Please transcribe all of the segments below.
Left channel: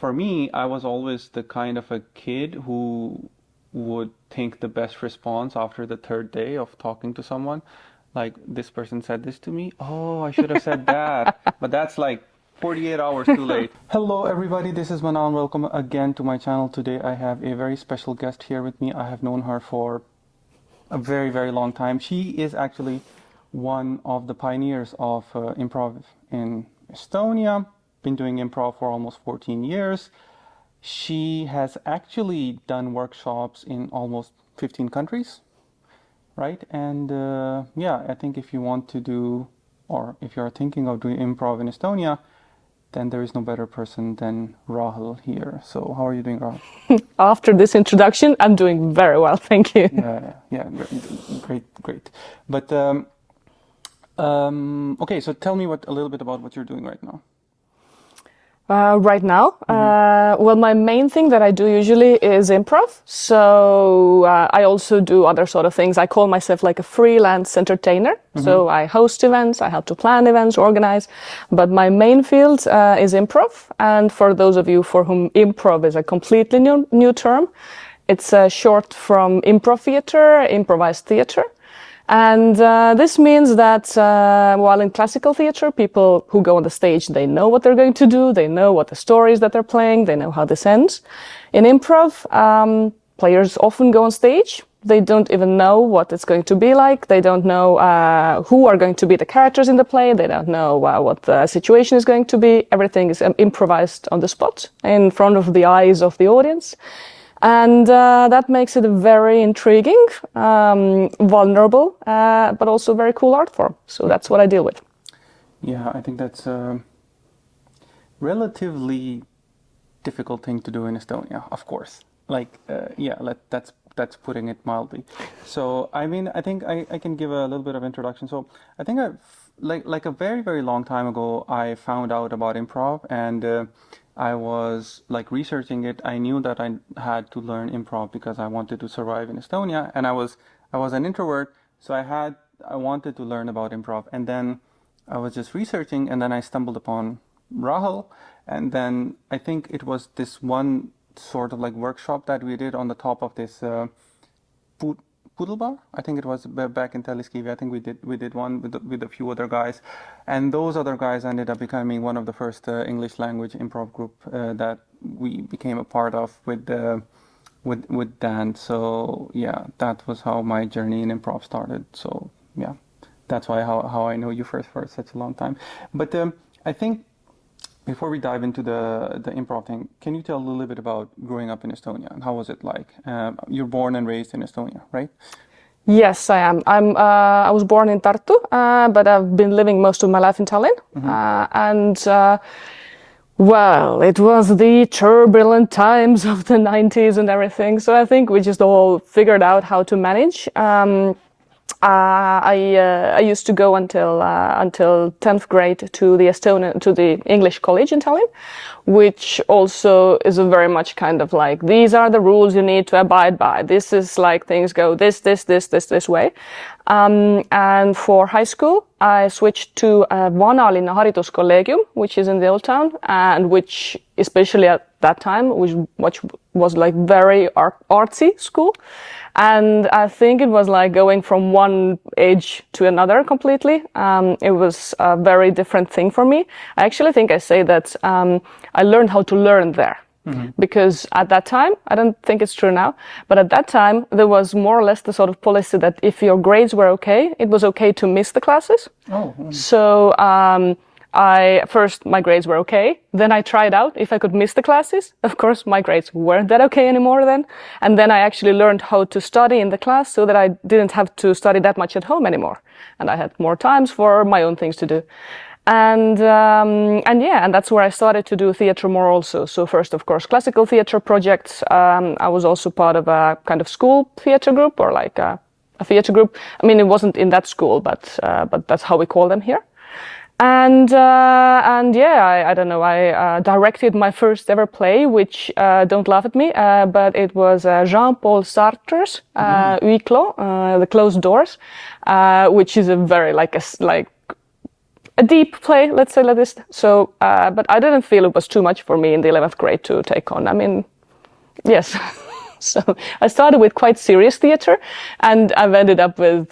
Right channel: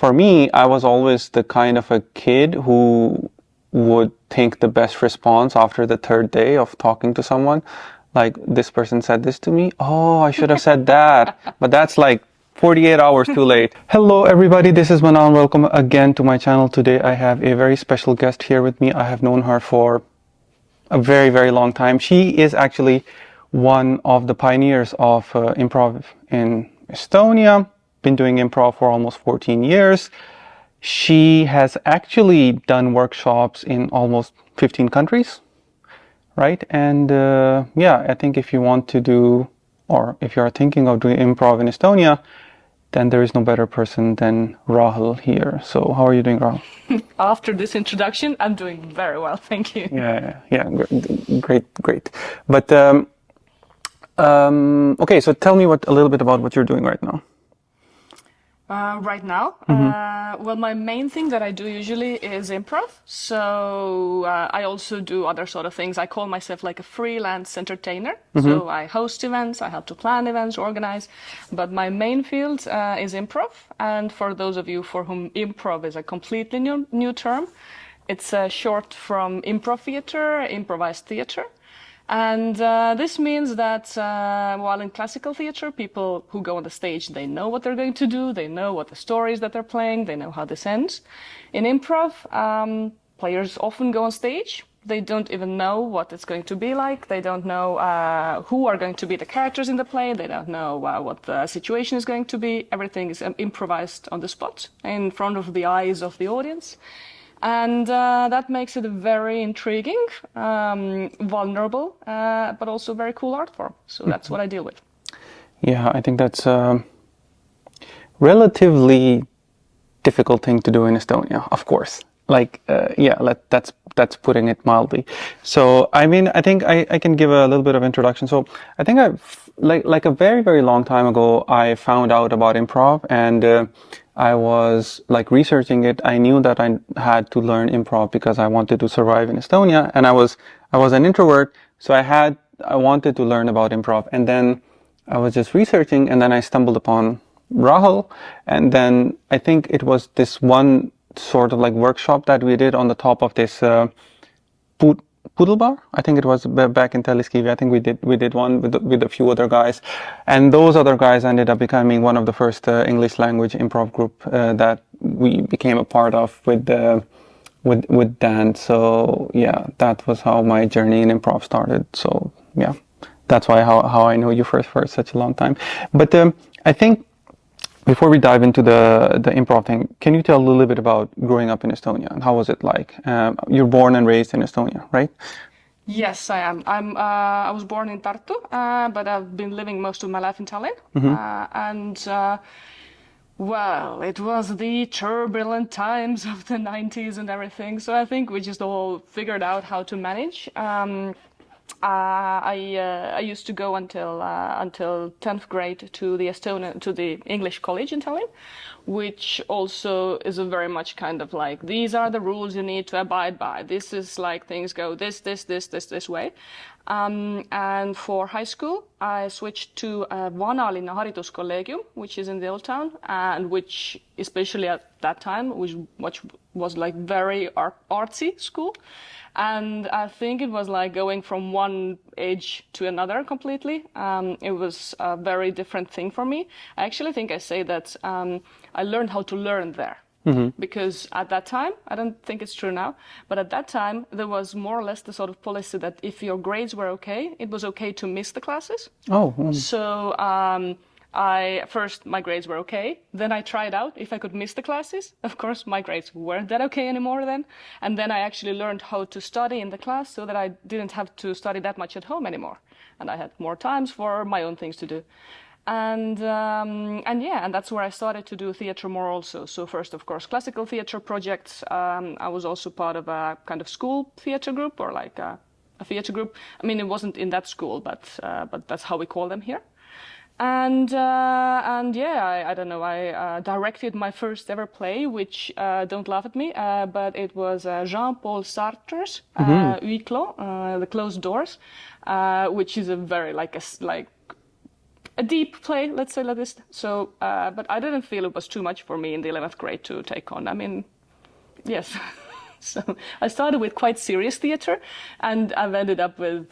for me, I was always the kind of a kid who would think the best response after the third day of talking to someone. Like, this person said this to me. Oh, I should have said that. But that's like 48 hours too late. Hello, everybody. This is Manan. Welcome again to my channel. Today, I have a very special guest here with me. I have known her for a very, very long time. She is actually one of the pioneers of improv in Estonia. Been doing improv for almost 14 years. She has actually done workshops in almost 15 countries, right? And yeah, I think if you want to do, or if you are thinking of doing improv in Estonia, then there is no better person than Rahel here. So how are you doing, Rahel? After this introduction, I'm doing very well, thank you. Yeah, great. But okay, so tell me a little bit about what you're doing right now. Right now, well, my main thing that I do usually is improv. So I also do other sort of things. I call myself like a freelance entertainer. So I host events, I help to plan events, organize. But my main field is improv. And for those of you for whom improv is a completely new term, it's short from improv theater, improvised theater. And this means that while in classical theater, people who go on the stage, they know what they're going to do, they know what the stories that they're playing, they know how this ends. In improv, players often go on stage, they don't even know what it's going to be like, they don't know who are going to be the characters in the play, they don't know what the situation is going to be. Everything is improvised on the spot, in front of the eyes of the audience. And that makes it a very intriguing, vulnerable, but also very cool art form. So that's what I deal with. Yeah, I think that's a relatively difficult thing to do in Estonia, of course. Like, yeah, that's putting it mildly. So, I mean, I think I can give a little bit of introduction. So, I think like a very, very long time ago, I found out about improv, and I was like researching it. I knew that I had to learn improv because I wanted to survive in Estonia, and I was an introvert, so I wanted to learn about improv. And then I was just researching, and then I stumbled upon Rahel, and then I think it was this one sort of like workshop that we did on the top of this Poodle Bar. I think it was back in Telliskivi. I think we did one with a few other guys, and those other guys ended up becoming one of the first English language improv group that we became a part of with Dan. So yeah, that was how my journey in improv started. So yeah, that's why how I know you for such a long time. But I think before we dive into the improv thing, can you tell a little bit about growing up in Estonia and how was it like? You're born and raised in Estonia, right? Yes, I am. I was born in Tartu, but I've been living most of my life in Tallinn. Well, it was the turbulent times of the 90s and everything. So I think we just all figured out how to manage. I used to go until 10th grade to the English college in Tallinn, which also is a very much kind of like, these are the rules you need to abide by. This is like things go this way. And for high school, I switched to Vanalinna Hariduskolleegium, which is in the old town, and which especially at that time, which was like very artsy school. And I think it was like going from one age to another completely. It was a very different thing for me. I actually think I say that I learned how to learn there. Because at that time, I don't think it's true now, but at that time, there was more or less the sort of policy that if your grades were okay, it was okay to miss the classes. So my grades were okay. Then I tried out if I could miss the classes. Of course, my grades weren't that okay anymore then. And then I actually learned how to study in the class so that I didn't have to study that much at home anymore. And I had more times for my own things to do. And that's where I started to do theater more also. So first, of course, classical theater projects. I was also part of a kind of school theater group or like a theater group. I mean, it wasn't in that school, but that's how we call them here. And yeah, I don't know, I directed my first ever play, which, don't laugh at me, but it was Jean-Paul Sartre's Huis Clos, The Closed Doors, which is a very, a deep play, let's say like this. So, but I didn't feel it was too much for me in the 11th grade to take on. I mean, yes. So I started with quite serious theater, and I've ended up with.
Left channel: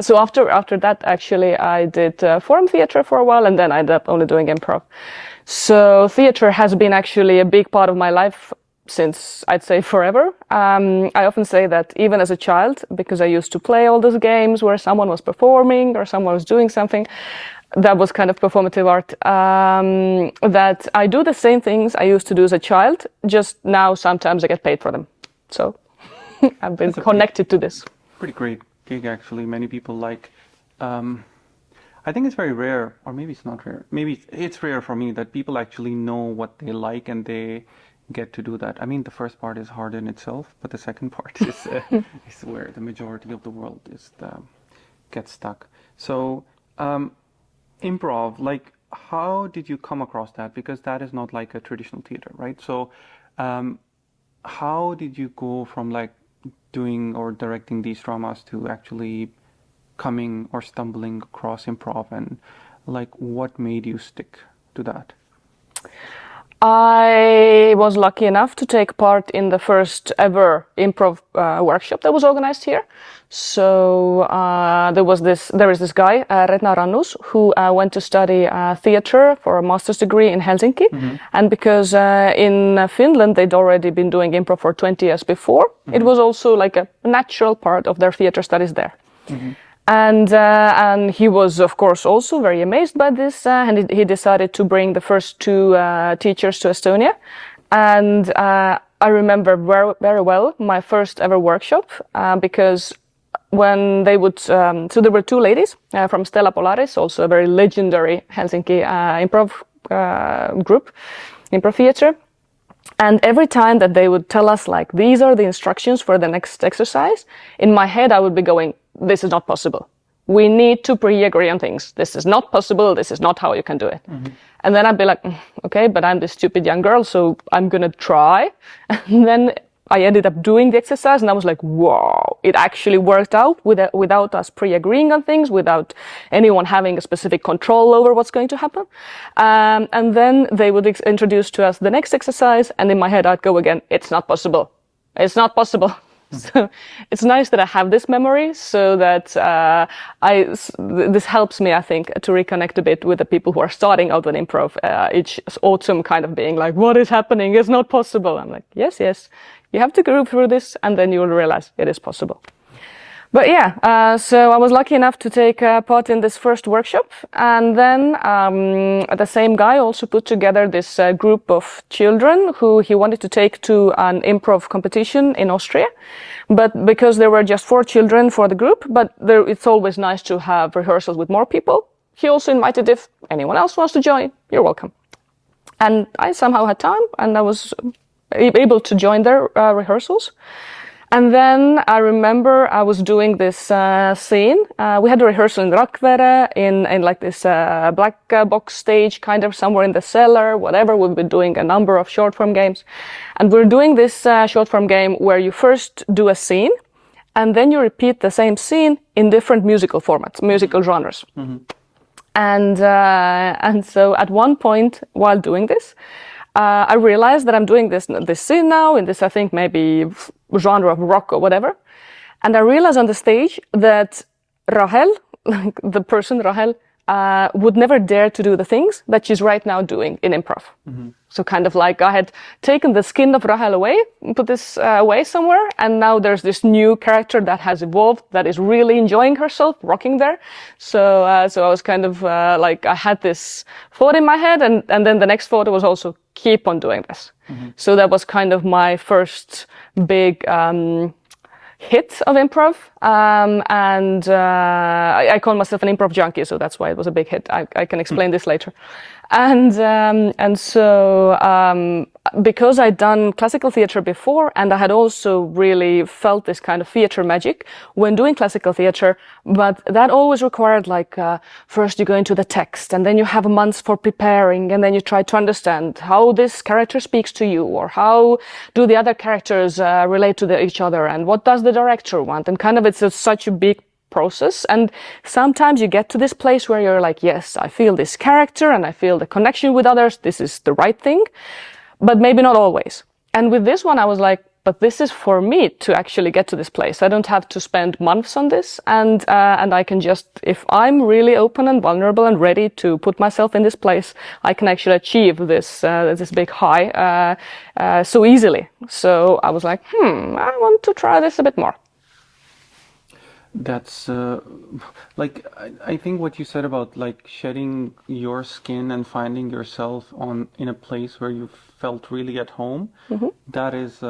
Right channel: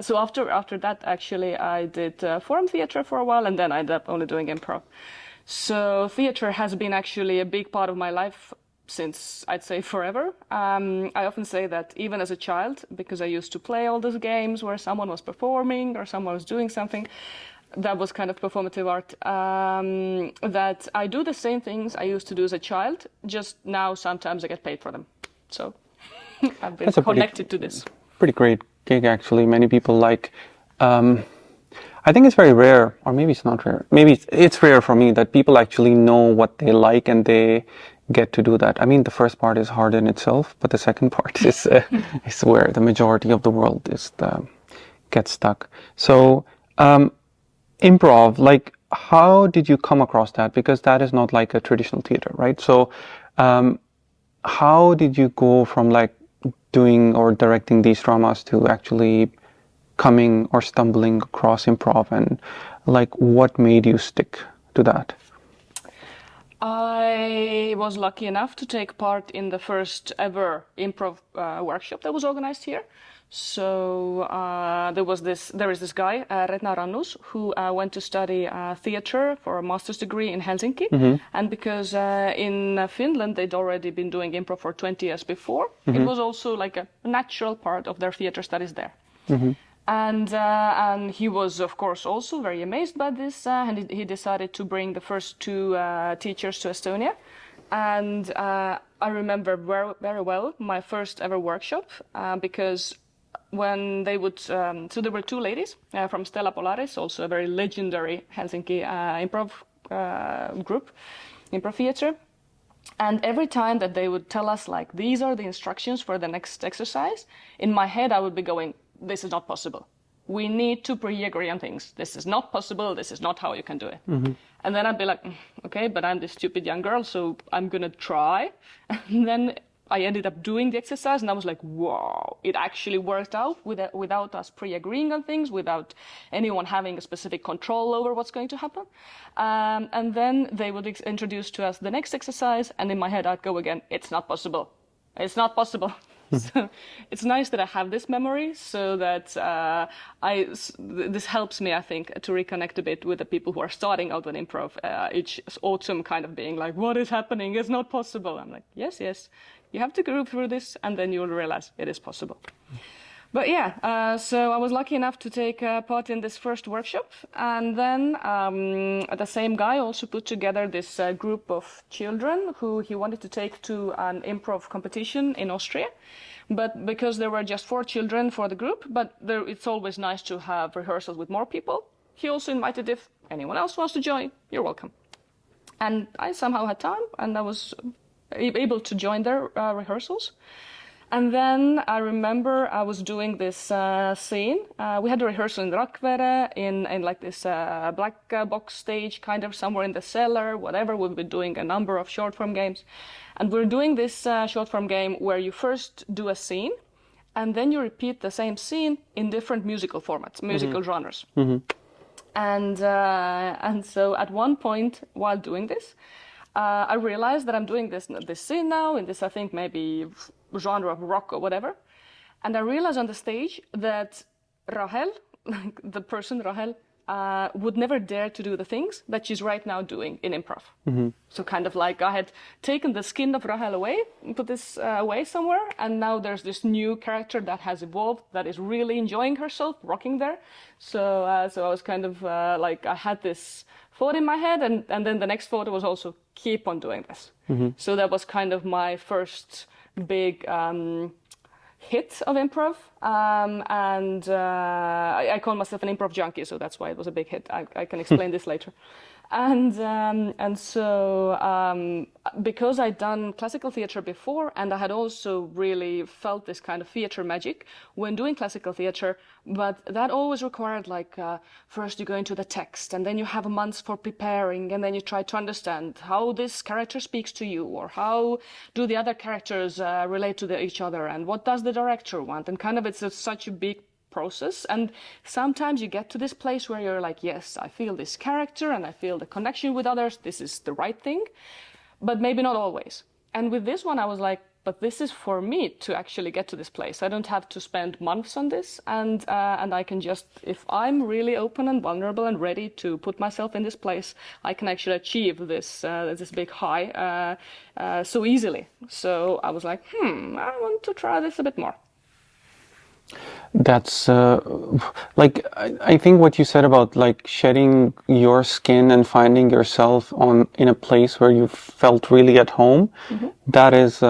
So after that, actually, I did forum theater for a while, and then I ended up only doing improv. So theater has been actually a big part of my life since, I'd say, forever. I often say that even as a child, because I used to play all those games where someone was performing or someone was doing something, that was kind of performative art, that I do the same things I used to do as a child, just now sometimes I get paid for them. So I've been connected to this. Pretty great gig, actually. Many people like, I think it's very rare, or maybe it's not rare. Maybe it's rare for me that people actually know what they like and they get to do that. I mean, the first part is hard in itself, but the second part is where the majority of the world gets stuck. So improv, like, how did you come across that? Because that is not like a traditional theater, right? So how did you go from like doing or directing these dramas to actually coming or stumbling across improv, and like what made you stick to that? I was lucky enough to take part in the first ever improv workshop that was organized here. So there is this guy, Retna Rannus, who went to study theater for a master's degree in Helsinki. Mm-hmm. And because in Finland they'd already been doing improv for 20 years before, mm-hmm. It was also like a natural part of their theater studies there. Mm-hmm. And he was, of course, also very amazed by this, and he decided to bring the first two teachers to Estonia. And I remember very, very well my first ever workshop, because when they would, so there were two ladies from Stella Polaris, also a very legendary Helsinki improv group, improv theater. And every time that they would tell us, like, these are the instructions for the next exercise, in my head I would be going, this is not possible. We need to pre-agree on things. This is not possible. This is not how you can do it. Mm-hmm. And then I'd be like, okay, but I'm this stupid young girl, so I'm going to try. And then I ended up doing the exercise, and I was like, wow, it actually worked out without us pre-agreeing on things, without anyone having a specific control over what's going to happen. And then they would introduce to us the next exercise, and in my head I'd go again, it's not possible. It's not possible. So it's nice that I have this memory, so that this helps me, I think, to reconnect a bit with the people who are starting out with improv each autumn, kind of being like, what is happening? It's not possible. I'm like, yes, you have to go through this, and then you will realize it is possible. But yeah, so I was lucky enough to take part in this first workshop, and then the same guy also put together this group of children who he wanted to take to an improv competition in Austria. But because there were just 4 children for the group, but it's always nice to have rehearsals with more people. He also invited, if anyone else wants to join, you're welcome. And I somehow had time, and I was able to join their rehearsals. And then I remember I was doing this scene. We had a rehearsal in Rakvere, in like this black box stage, kind of somewhere in the cellar, whatever. We've been doing a number of short form games. And we're doing this short form game where you first do a scene, and then you repeat the same scene in different musical formats, musical mm-hmm. genres. Mm-hmm. And so at one point while doing this, I realized that I'm doing this scene now in this, I think, maybe genre of rock or whatever. And I realized on the stage that Rahel, like the person Rahel, would never dare to do the things that she's right now doing in improv. Mm-hmm. So kind of like I had taken the skin of Rahel away, put this away somewhere, and now there's this new character that has evolved, that is really enjoying herself, rocking there. So I was kind of like, I had this thought in my head, and then the next thought was also, keep on doing this. Mm-hmm. So that was kind of my first big hit of improv, and I call myself an improv junkie, so that's why it was a big hit. I can explain this later. And so because I'd done classical theater before, and I had also really felt this kind of theater magic when doing classical theater, but that always required like first you go into the text, and then you have months for preparing, and then you try to understand how this character speaks to you, or how do the other characters relate to each other, and what does the director want, and kind of it's such a big process. And sometimes you get to this place where you're like, yes, I feel this character and I feel the connection with others. This is the right thing, but maybe not always. And with this one, I was like, but this is for me to actually get to this place. I don't have to spend months on this, and I can just, if I'm really open and vulnerable and ready to put myself in this place, I can actually achieve this this big high so easily. So I was like, I want to try this a bit more. That's like I think what you said about like shedding your skin and finding yourself in a place where you felt really at home. That is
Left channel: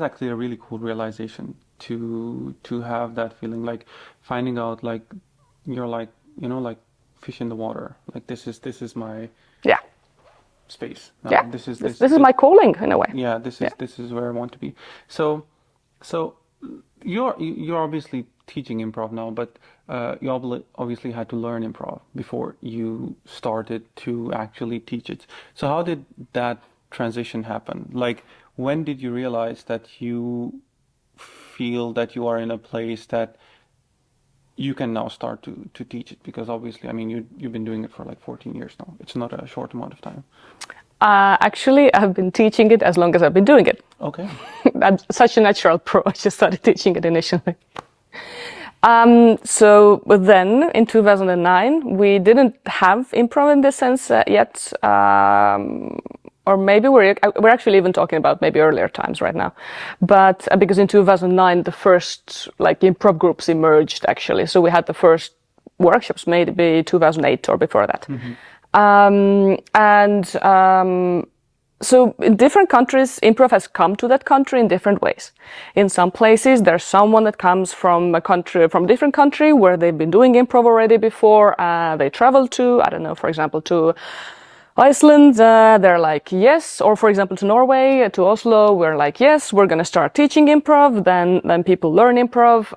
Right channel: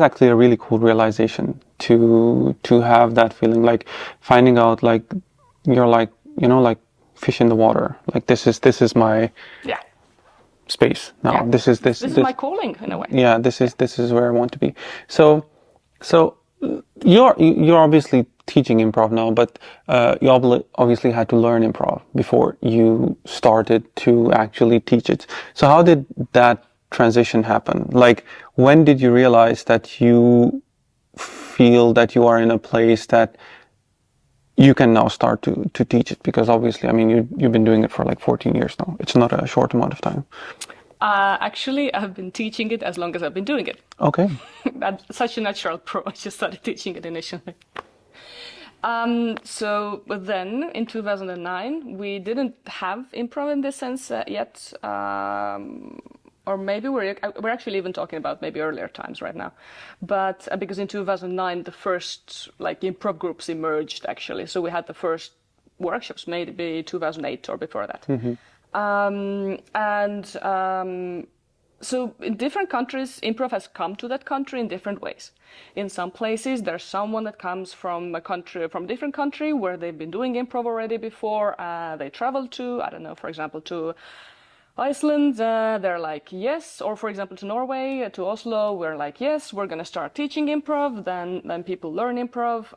actually a really cool realization to have that feeling, like finding out like you're like, you know, like fish in the water. Like this is my space now. Yeah. This is my calling in a way. Yeah, this is where I want to be. So you're obviously teaching improv now, but you obviously had to learn improv before you started to actually teach it. So how did that transition happen? Like, when did you realize that you feel that you are in a place that you can now start to teach it? Because obviously, I mean, you've been doing it for like 14 years now. It's not a short amount of time. Actually, I've been teaching it as long as I've been doing it. Okay. That's such a natural pro. I just started teaching it initially. So then, in 2009, we didn't have improv in this sense yet. Or maybe we're actually even talking about maybe earlier times right now. But because in 2009, the first like improv groups emerged actually. So we had the first workshops maybe 2008 or before that. So in different countries, improv has come to that country in different ways. In some places, there's someone that comes from a different country where they've been doing improv already before. They travel to, I don't know, for example, to Iceland, they're like, yes. Or for example, to Norway, to Oslo, we're like, yes, we're going to start teaching improv. Then people learn improv.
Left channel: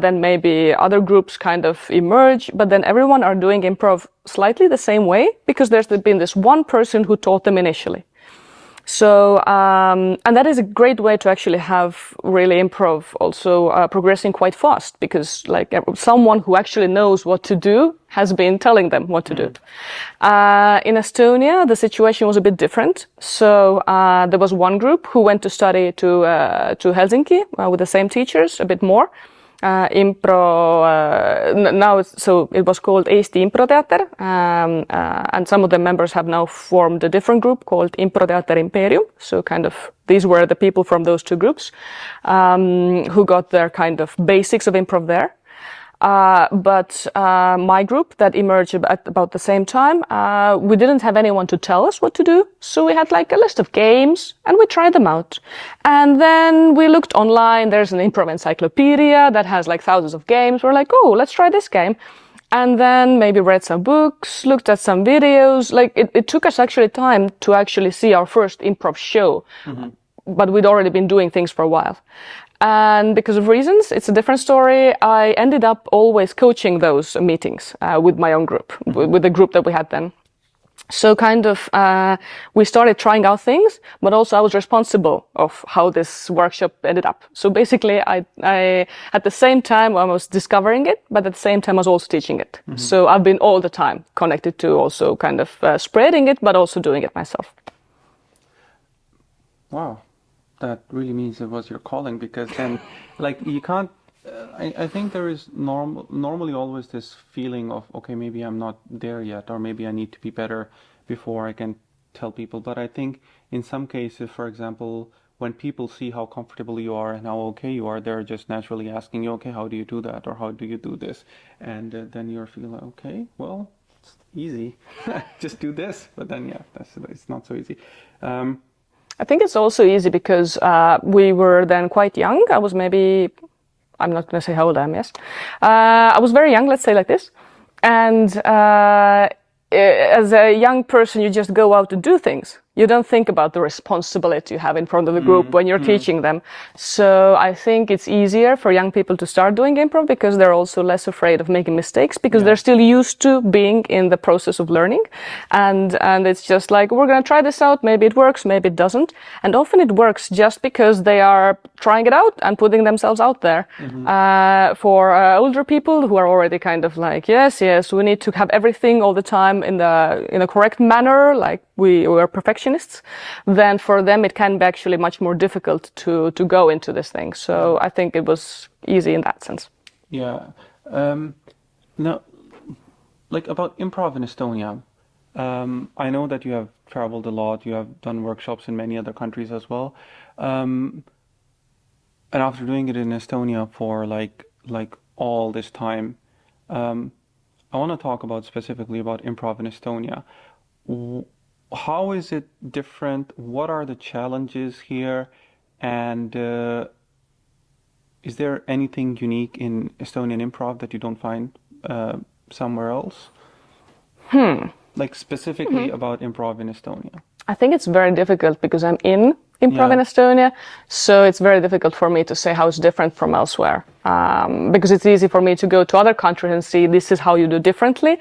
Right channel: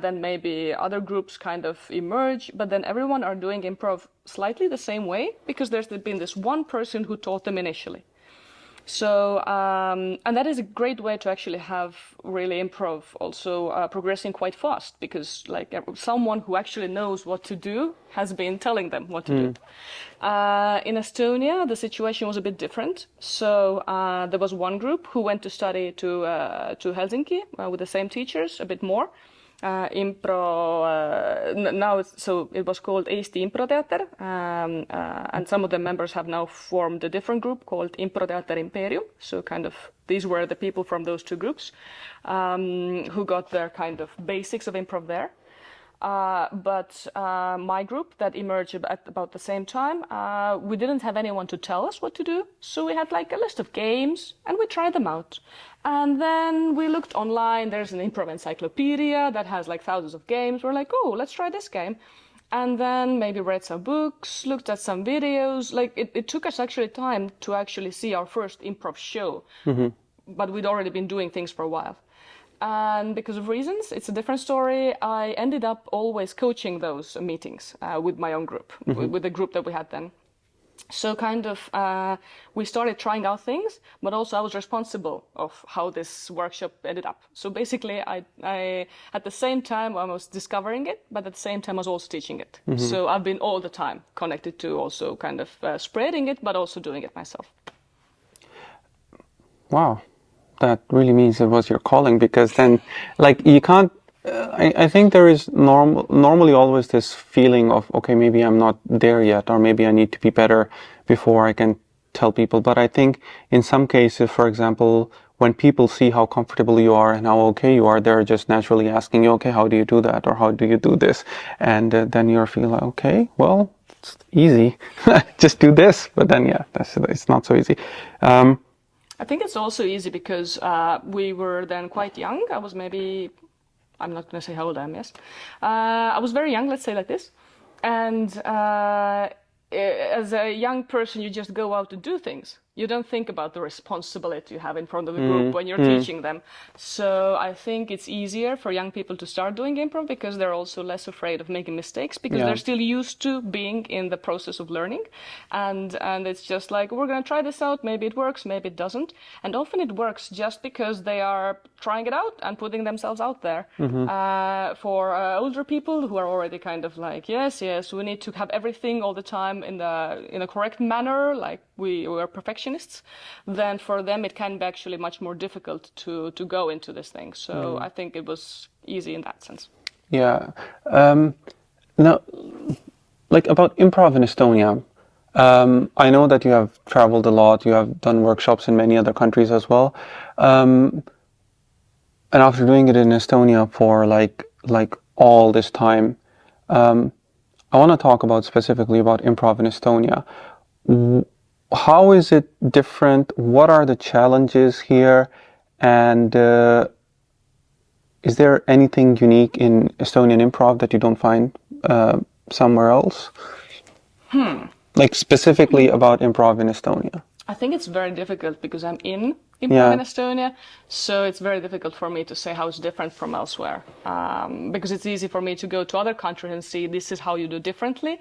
Then maybe other groups kind of emerge. But then everyone are doing improv slightly the same way because there's been this one person who taught them initially. So, and that is a great way to actually have really improv also progressing quite fast because like someone who actually knows what to do has been telling them what to do. In Estonia, the situation was a bit different. So there was one group who went to study to Helsinki with the same teachers a bit more. So it was called Eesti Improteater, and some of the members have now formed a different group called Improteater Imperium. So kind of these were the people from those two groups who got their kind of basics of improv there. But my group that emerged at about the same time, we didn't have anyone to tell us what to do. So we had like a list of games and we tried them out. And then we looked online. There's an improv encyclopedia that has like thousands of games. We're like, oh, let's try this game. And then maybe read some books, looked at some videos. Like it took us actually time to actually see our first improv show. But we'd already been doing things for a while. And because of reasons, it's a different story. I ended up always coaching those meetings with my own group, with the group that we had then. So kind of we started trying out things, but also I was responsible of how this workshop ended up. So basically, I at the same time I was discovering it, but at the same time I was also teaching it. So I've been all the time connected to also kind of spreading it, but also doing it myself. Wow. That really means it was your calling, because then like you can't I think there is normally always this feeling of, okay, maybe I'm not there yet, or maybe I need to be better before I can tell people. But I think in some cases, for example, when people see how comfortable you are and how okay you are, they're just naturally asking you, okay, how do you do that? Or how do you do this? And then you feel like, okay, well, it's easy. Just do this. But then, yeah, it's not so easy. I think it's also easy because we were then quite young. I was maybe, I'm not going to say how old I am, yes. I was very young, let's say like this. And as a young person, you just go out to do things. you don't think about the responsibility you have in front of the group when you're teaching them. So I think it's easier for young people to start doing improv because they're also less afraid of making mistakes because they're still used to being in the process of learning. And it's just like, we're going to try this out. Maybe it works, maybe it doesn't. And often it works just because they are trying it out and putting themselves out there. For older people who are already kind of like, yes, we need to have everything all the time in a correct manner, like we are perfectionists, then for them it can be actually much more difficult to go into this thing. So I think it was easy in that sense. Yeah. Now, like about Improv in Estonia, I know that you have traveled a lot, you have done workshops in many other countries as well. And after doing it in Estonia for like all this time, I want to talk about specifically about Improv in Estonia. How is it different? What are the challenges here? And is there anything unique in Estonian improv that you don't find somewhere else? Like specifically about Improv in Estonia. I think it's very difficult because I'm in Improv in Estonia, so it's very difficult for me to say how it's different from elsewhere. Because it's easy for me to go to other countries and see this is how you do differently,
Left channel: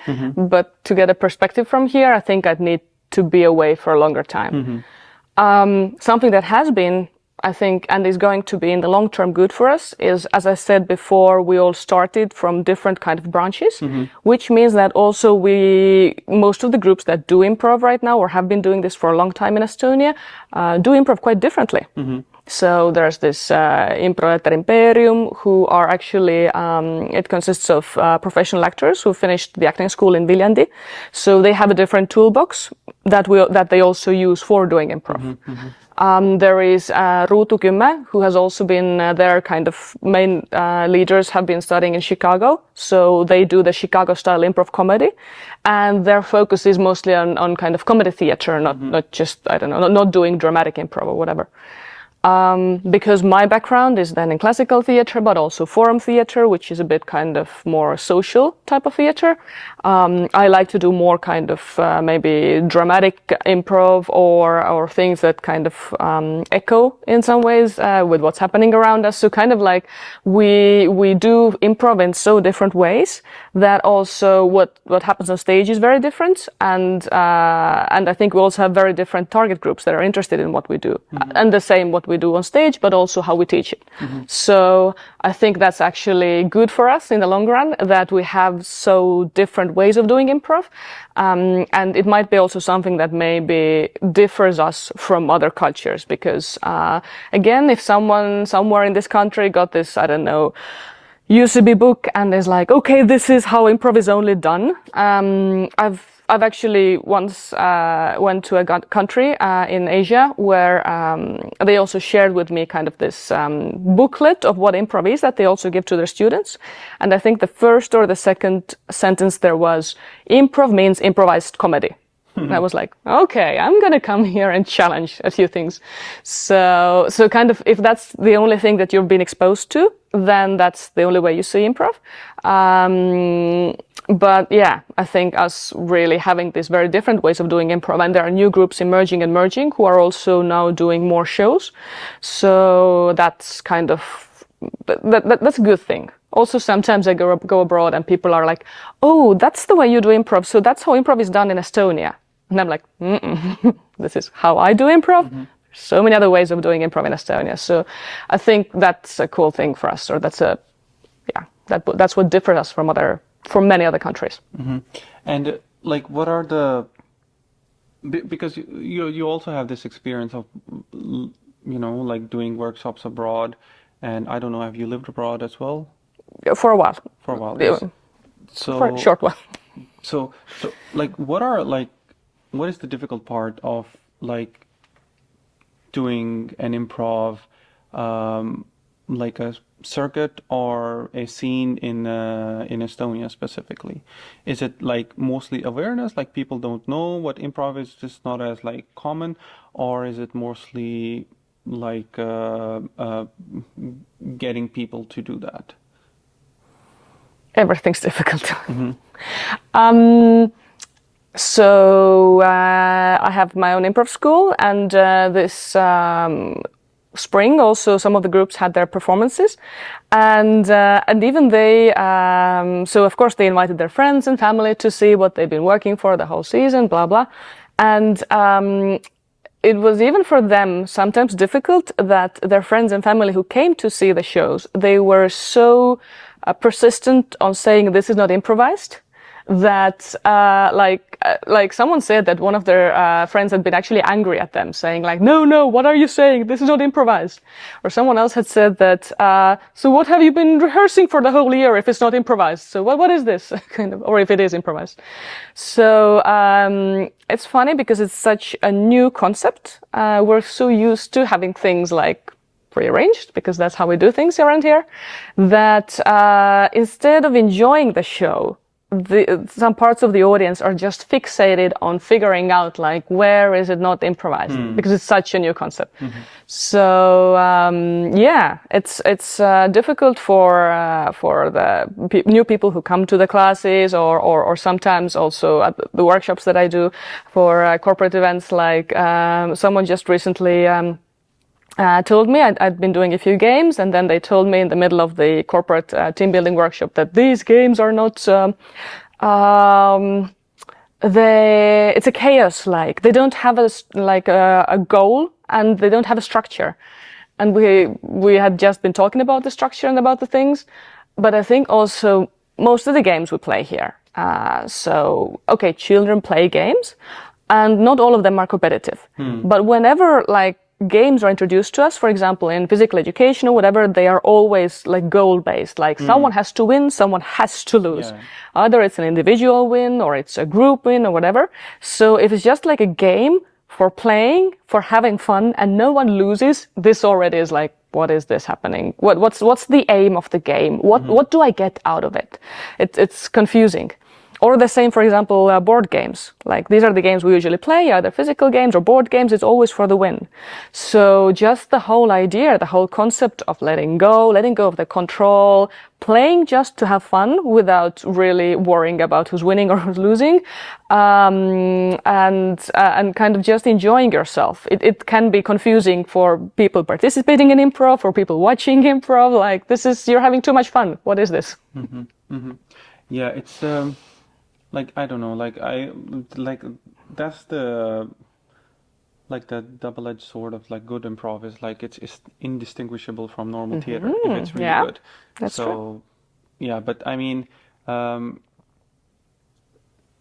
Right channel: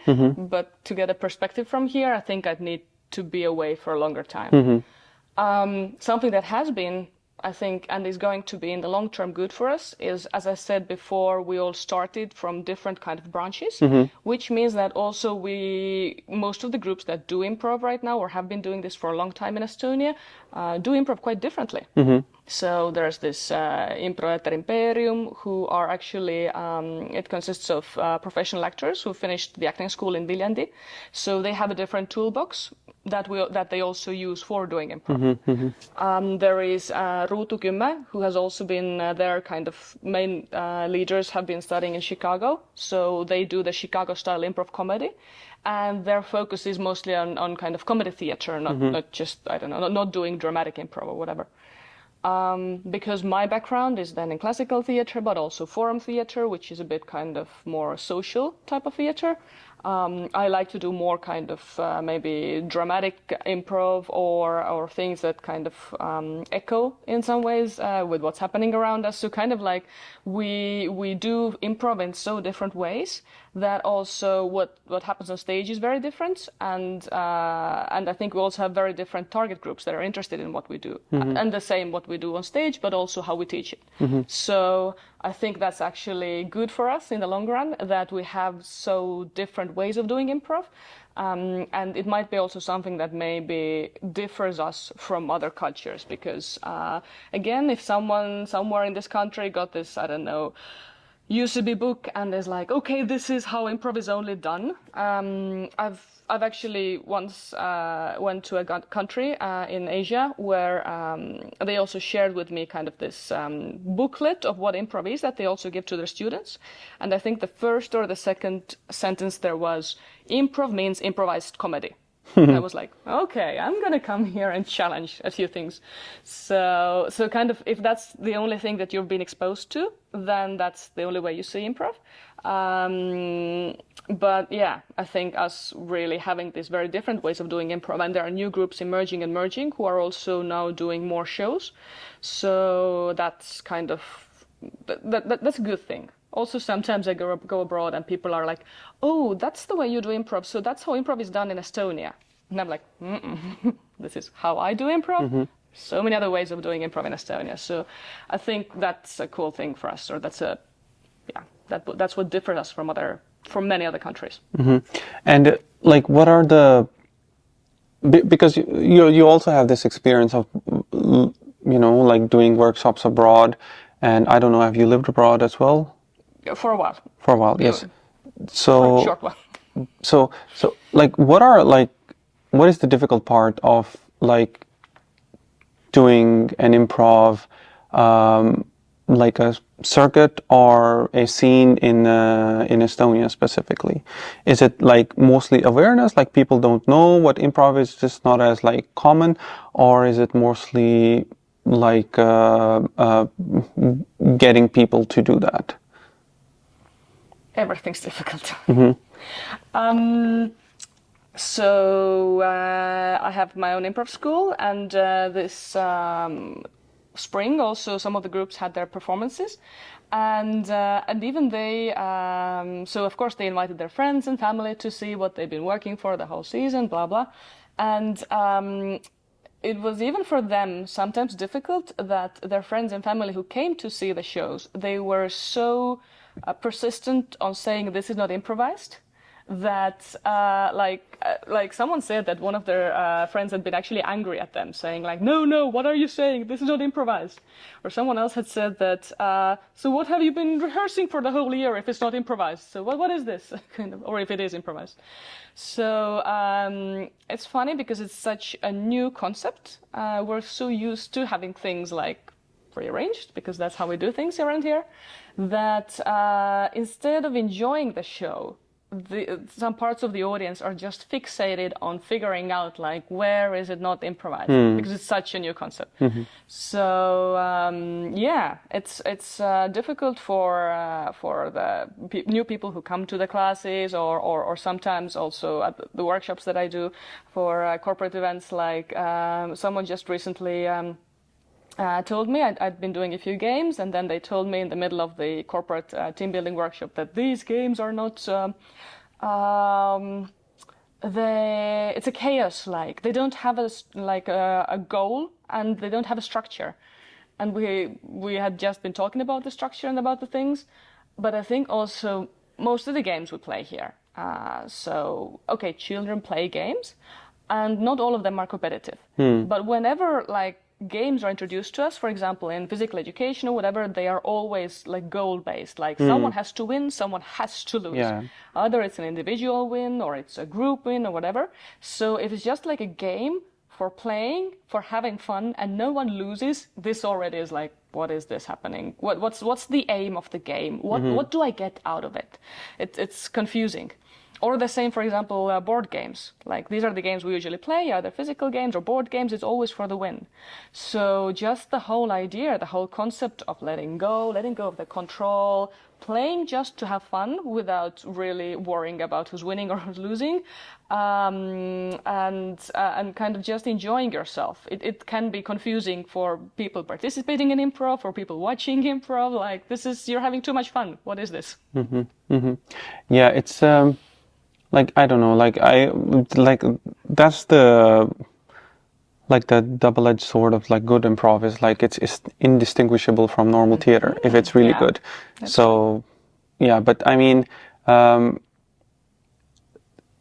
but to get a perspective from here, I think I'd need to be away for a longer time. Something that has been, I think, and is going to be in the long term good for us is, as I said before, we all started from different kind of branches, which means that also most of the groups that do improv right now or have been doing this for a long time in Estonia, do improv quite differently. So there's this Improv Imperium who are actually, it consists of professional actors who finished the acting school in Viljandi. So they have a different toolbox that they also use for doing improv. There is Ruutu Kümme, who has also been their kind of main leaders have been studying in Chicago. So they do the Chicago style improv comedy. And their focus is mostly on kind of comedy theater, not just, I don't know, not doing dramatic improv or whatever. Because my background is then in classical theater, but also forum theater, which is a bit kind of more social type of theater. I like to do more kind of maybe dramatic improv or things that kind of echo in some ways with what's happening around us. So kind of like we do improv in so different ways that also what happens on stage is very different, and I think we also have very different target groups that are interested in what we do, and the same what we do on stage, but also how we teach it. So I think that's actually good for us in the long run that we have so different ways of doing improv, and it might be also something that maybe differs us from other cultures because again, if someone somewhere in this country got this, I don't know, UCB book and is like, okay, this is how improv is only done. I've actually once went to a country in Asia where they also shared with me kind of this booklet of what improv is that they also give to their students. And I think the first or the second sentence there was, improv means improvised comedy. And I was like, okay, I'm going to come here and challenge a few things. So kind of if that's the only thing that you've been exposed to, then that's the only way you see improv. But yeah, I think us really having these very different ways of doing improv, and there are new groups emerging and merging who are also now doing more shows. So that's kind of, that's a good thing. Also, sometimes I go abroad and people are like, oh, that's the way you do improv. So that's how improv is done in Estonia. And I'm like, this is how I do improv. So many other ways of doing improv in Estonia. So I think that's a cool thing for us, or that's what differs us from many other countries. And like, what are because you also have this experience of, like doing workshops abroad, and I don't know, have you lived abroad as well? For a while. For a while, yes. So for a short while. So like, what is the difficult part of like doing an improv, like a circuit or a scene in Estonia specifically? Is it like mostly awareness, like people don't know what improv is, just not as like common, or is it mostly like getting people to do that? Everything's difficult. So I have my own improv school, and this spring also some of the groups had their performances, and even they so of course they invited their friends and family to see what they've been working for the whole season, blah blah, and it was even for them sometimes difficult that their friends and family who came to see the shows, they were so persistent on saying this is not improvised, that like someone said that one of their friends had been actually angry at them, saying like, no, what are you saying? This is not improvised. Or someone else had said that, so what have you been rehearsing for the whole year if it's not improvised? So what is this? kind of, or if it is improvised. So it's funny because it's such a new concept. We're so used to having things like prearranged, because that's how we do things around here, that instead of enjoying the show, some parts of the audience are just fixated on figuring out like where is it not improvised, because it's such a new concept. So yeah, it's difficult for the new people who come to the classes, or sometimes also at the workshops that I do for corporate events. Like someone just recently told me I'd been doing a few games, and then they told me in the middle of the corporate team building workshop that these games are not it's a chaos. Like they don't have a goal, and they don't have a structure. And we had just been talking about the structure and about the things, but I think also most of the games we play here. So okay, children play games, and not all of them are competitive. But whenever like games are introduced to us, for example, in physical education or whatever, they are always like goal-based. Like someone has to win, someone has to lose. Yeah. Either it's an individual win or it's a group win or whatever. So if it's just like a game for playing, for having fun, and no one loses, this already is like, what is this happening? What's the aim of the game? What do I get out of it? It's confusing. Or the same, for example, board games. Like these are the games we usually play, either physical games or board games. It's always for the win. So just the whole idea, the whole concept of letting go of the control, playing just to have fun without really worrying about who's winning or who's losing, and kind of just enjoying yourself. It can be confusing for people participating in improv, for people watching improv. Like you're having too much fun. What is this? Yeah, it's. Like, I don't know, that's the double-edged sword of like good improv is like it's indistinguishable from normal theater if it's really good. So, yeah, but I mean,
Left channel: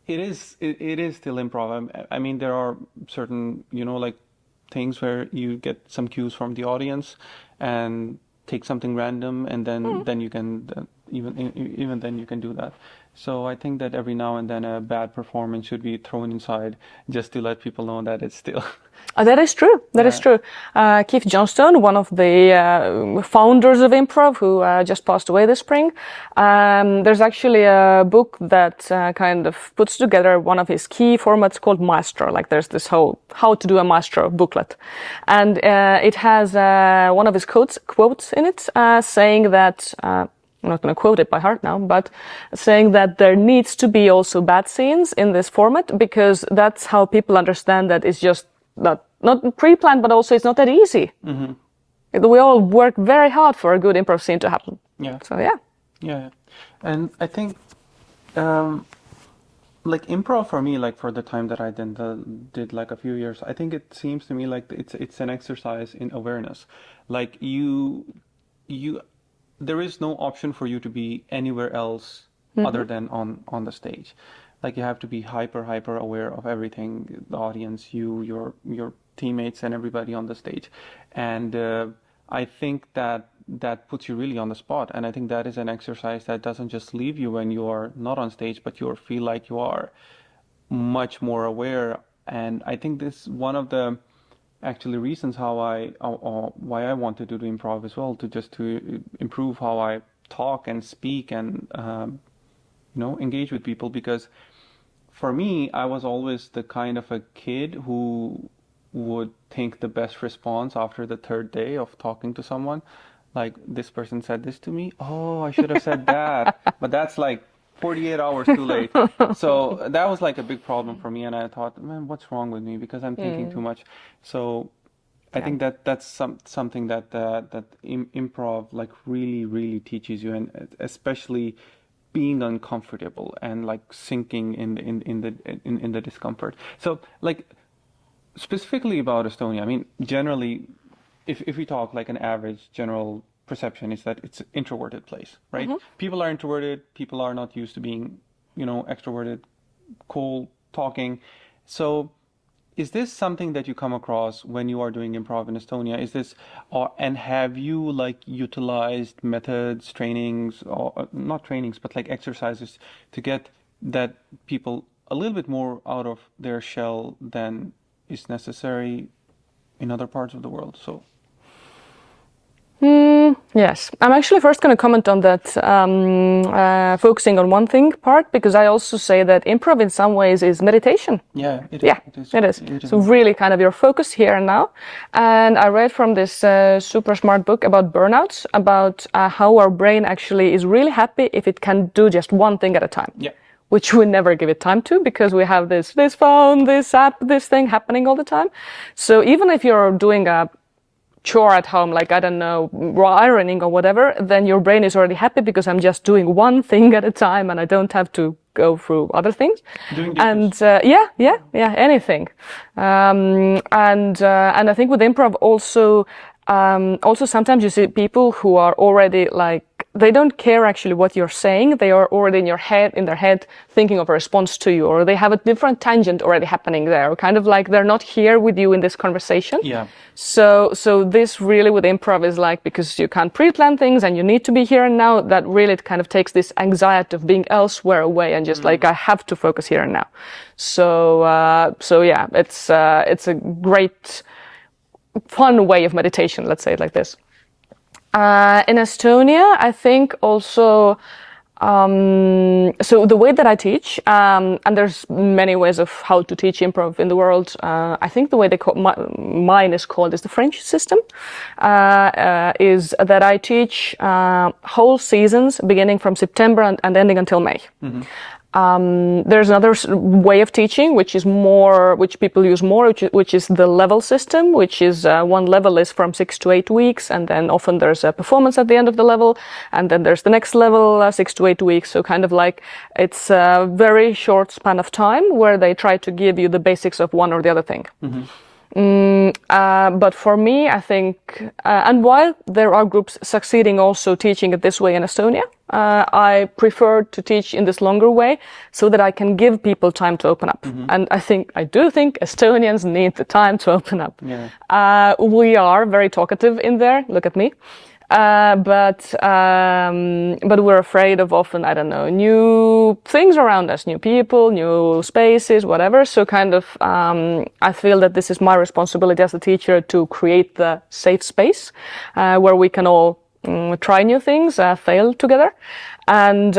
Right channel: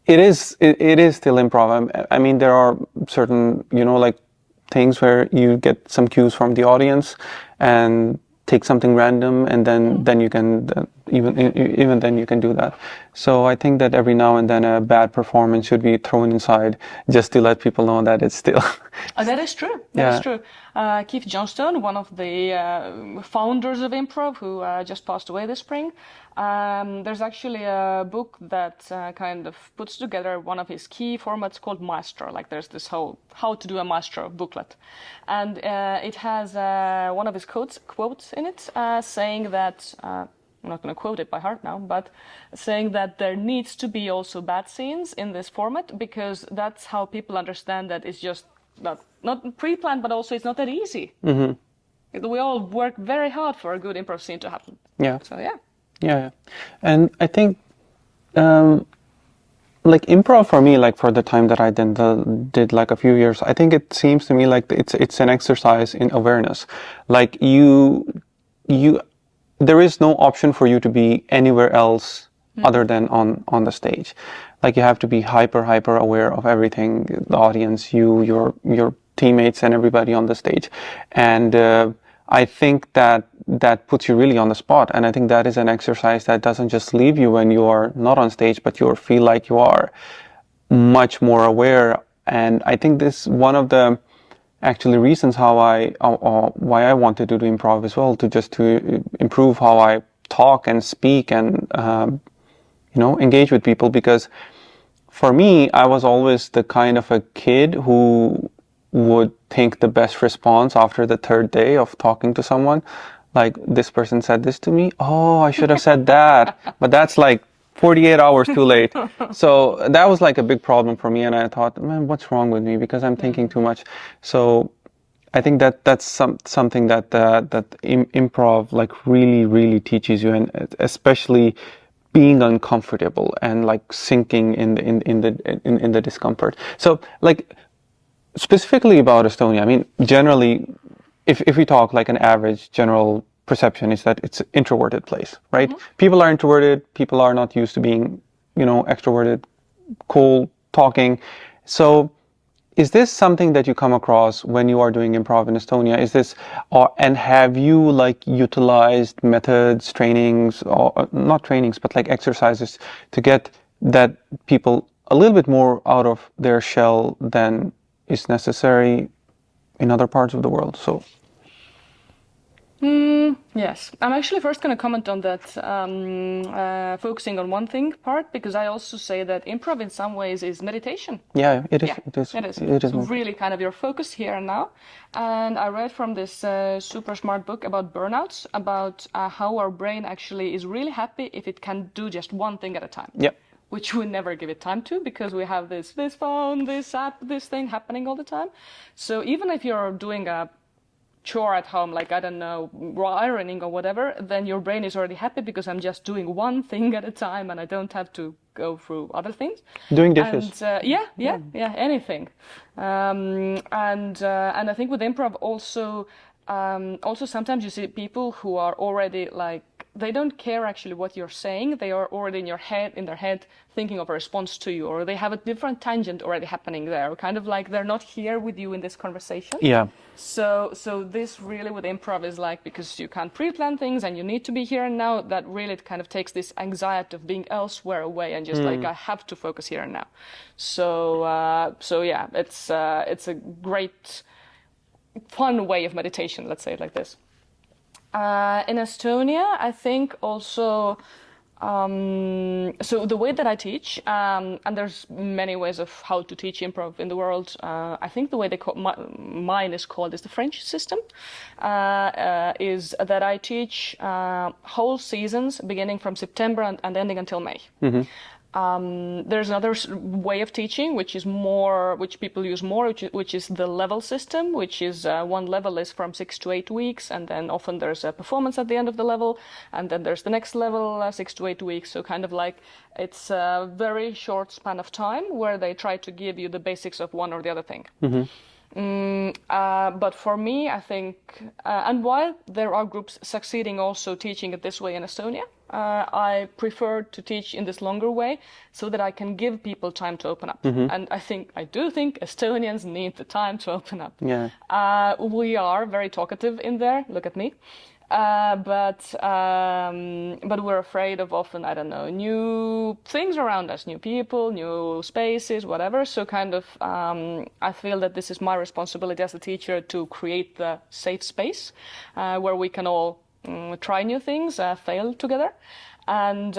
it is still improv. I mean, there are certain, like things where you get some cues from the audience and take something random, and then you can even then you can do that. So I think that every now and then a bad performance should be thrown inside just to let people know that it's still. That is true. That is true. Keith Johnstone, one of the founders of improv, who just passed away this spring, there's actually a book that kind of puts together one of his key formats called Maestro. Like there's this whole how to do a Maestro booklet. And it has one of his quotes in it saying that, I'm not going to quote it by heart now, but saying that there needs to be also bad scenes in this format, because that's how people understand that it's just not pre-planned, but also it's not that easy. We all work very hard for a good improv scene to happen. Yeah. So yeah. Yeah. And I think like improv for me, like for the time that I did like a few years, I think it seems to me like it's an exercise in awareness. Like there is no option for you to be anywhere else other than on the stage. Like you have to be hyper aware of everything, the audience, your teammates and everybody on the stage. And I think that puts you really on the spot. And I think that is an exercise that doesn't just leave you when you are not on stage, but you feel like you are much more aware. And I think this is one of the actually reasons why I wanted to do improv as well, to improve how I talk and speak and engage with people. Because for me, I was always the kind of a kid who would think the best response after the third day of talking to someone, like this person said this to me, oh, I should have said that. But that's like 48 hours too late. So that was like a big problem for me, and I thought, man, what's wrong with me? Because I'm thinking too much. So I think that's something that improv like really teaches you, and especially being uncomfortable and like sinking in the discomfort. So like specifically about Estonia, I mean, generally, if we talk like an average general perception is that it's an introverted place, right? People are introverted. People are not used to being, extroverted, cool, talking. So is this something that you come across when you are doing improv in Estonia? Is this, and have you like utilized methods, trainings, or not trainings, but like exercises to get that people a little bit more out of their shell than is necessary in other parts of the world? So. Yes, I'm actually first going to comment on that, focusing on one thing part, because I also say that improv in some ways is meditation. Yeah, it is. Yeah, it is. So really kind of your focus here and now. And I read from this super smart book about burnouts, about how our brain actually is really happy if it can do just one thing at a time. Yeah. Which we never give it time to because we have this phone, this app, this thing happening all the time. So even if you're doing a chore at home, like, I don't know, ironing or whatever, then your brain is already happy because I'm just doing one thing at a time and I don't have to go through other things. Doing dishes. And anything. And I think with improv also sometimes you see people who are already like, they don't care actually what you're saying. They are already in their head thinking of a response to you, or they have a different tangent already happening there, kind of like they're not here with you in this conversation. Yeah. So this really with improv is like, because you can't pre-plan things and you need to be here and now, that really it kind of takes this anxiety of being elsewhere away and just like, I have to focus here and now. So yeah, it's a great, fun way of meditation, let's say it like this. In Estonia, I think also, so the way that I teach, and there's many ways of how to teach improv in the world. I think the way mine is called is the French system, is that I teach whole seasons beginning from September and ending until May. There's another way of teaching, which people use more, which is the level system, which is one level is from 6 to 8 weeks, and then often there's a performance at the end of the level, and then there's the next level, 6 to 8 weeks. So kind of like it's a very short span of time where they try to give you the basics of one or the other thing. But for me, I think, and while there are groups succeeding also teaching it this way in Estonia, I prefer to teach in this longer way so that I can give people time to open up. And I do think Estonians need the time to open up. Yeah. We are very talkative in there. Look at me. But we're afraid of often, I don't know, new things around us, new people, new spaces, whatever. So kind of, I feel that this is my responsibility as a teacher to create the safe space, where we can all try new things, fail together. And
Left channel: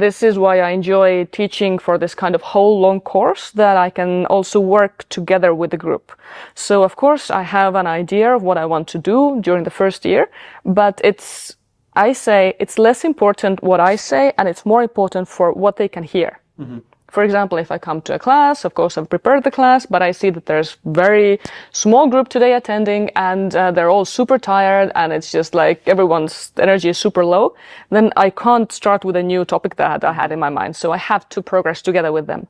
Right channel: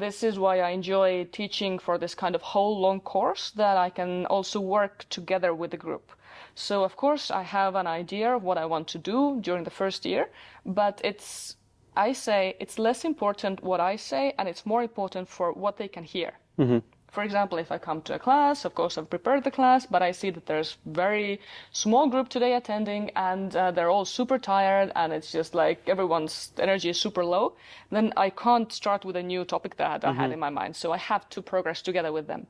this is why I enjoy teaching for this kind of whole long course, that I can also work together with the group. So of course I have an idea of what I want to do during the first year, but I say it's less important what I say and it's more important for what they can hear. For example, if I come to a class, of course I've prepared the class, but I see that there's very small group today attending and they're all super tired and it's just like everyone's energy is super low, then I can't start with a new topic that I had in my mind. So I have to progress together with them.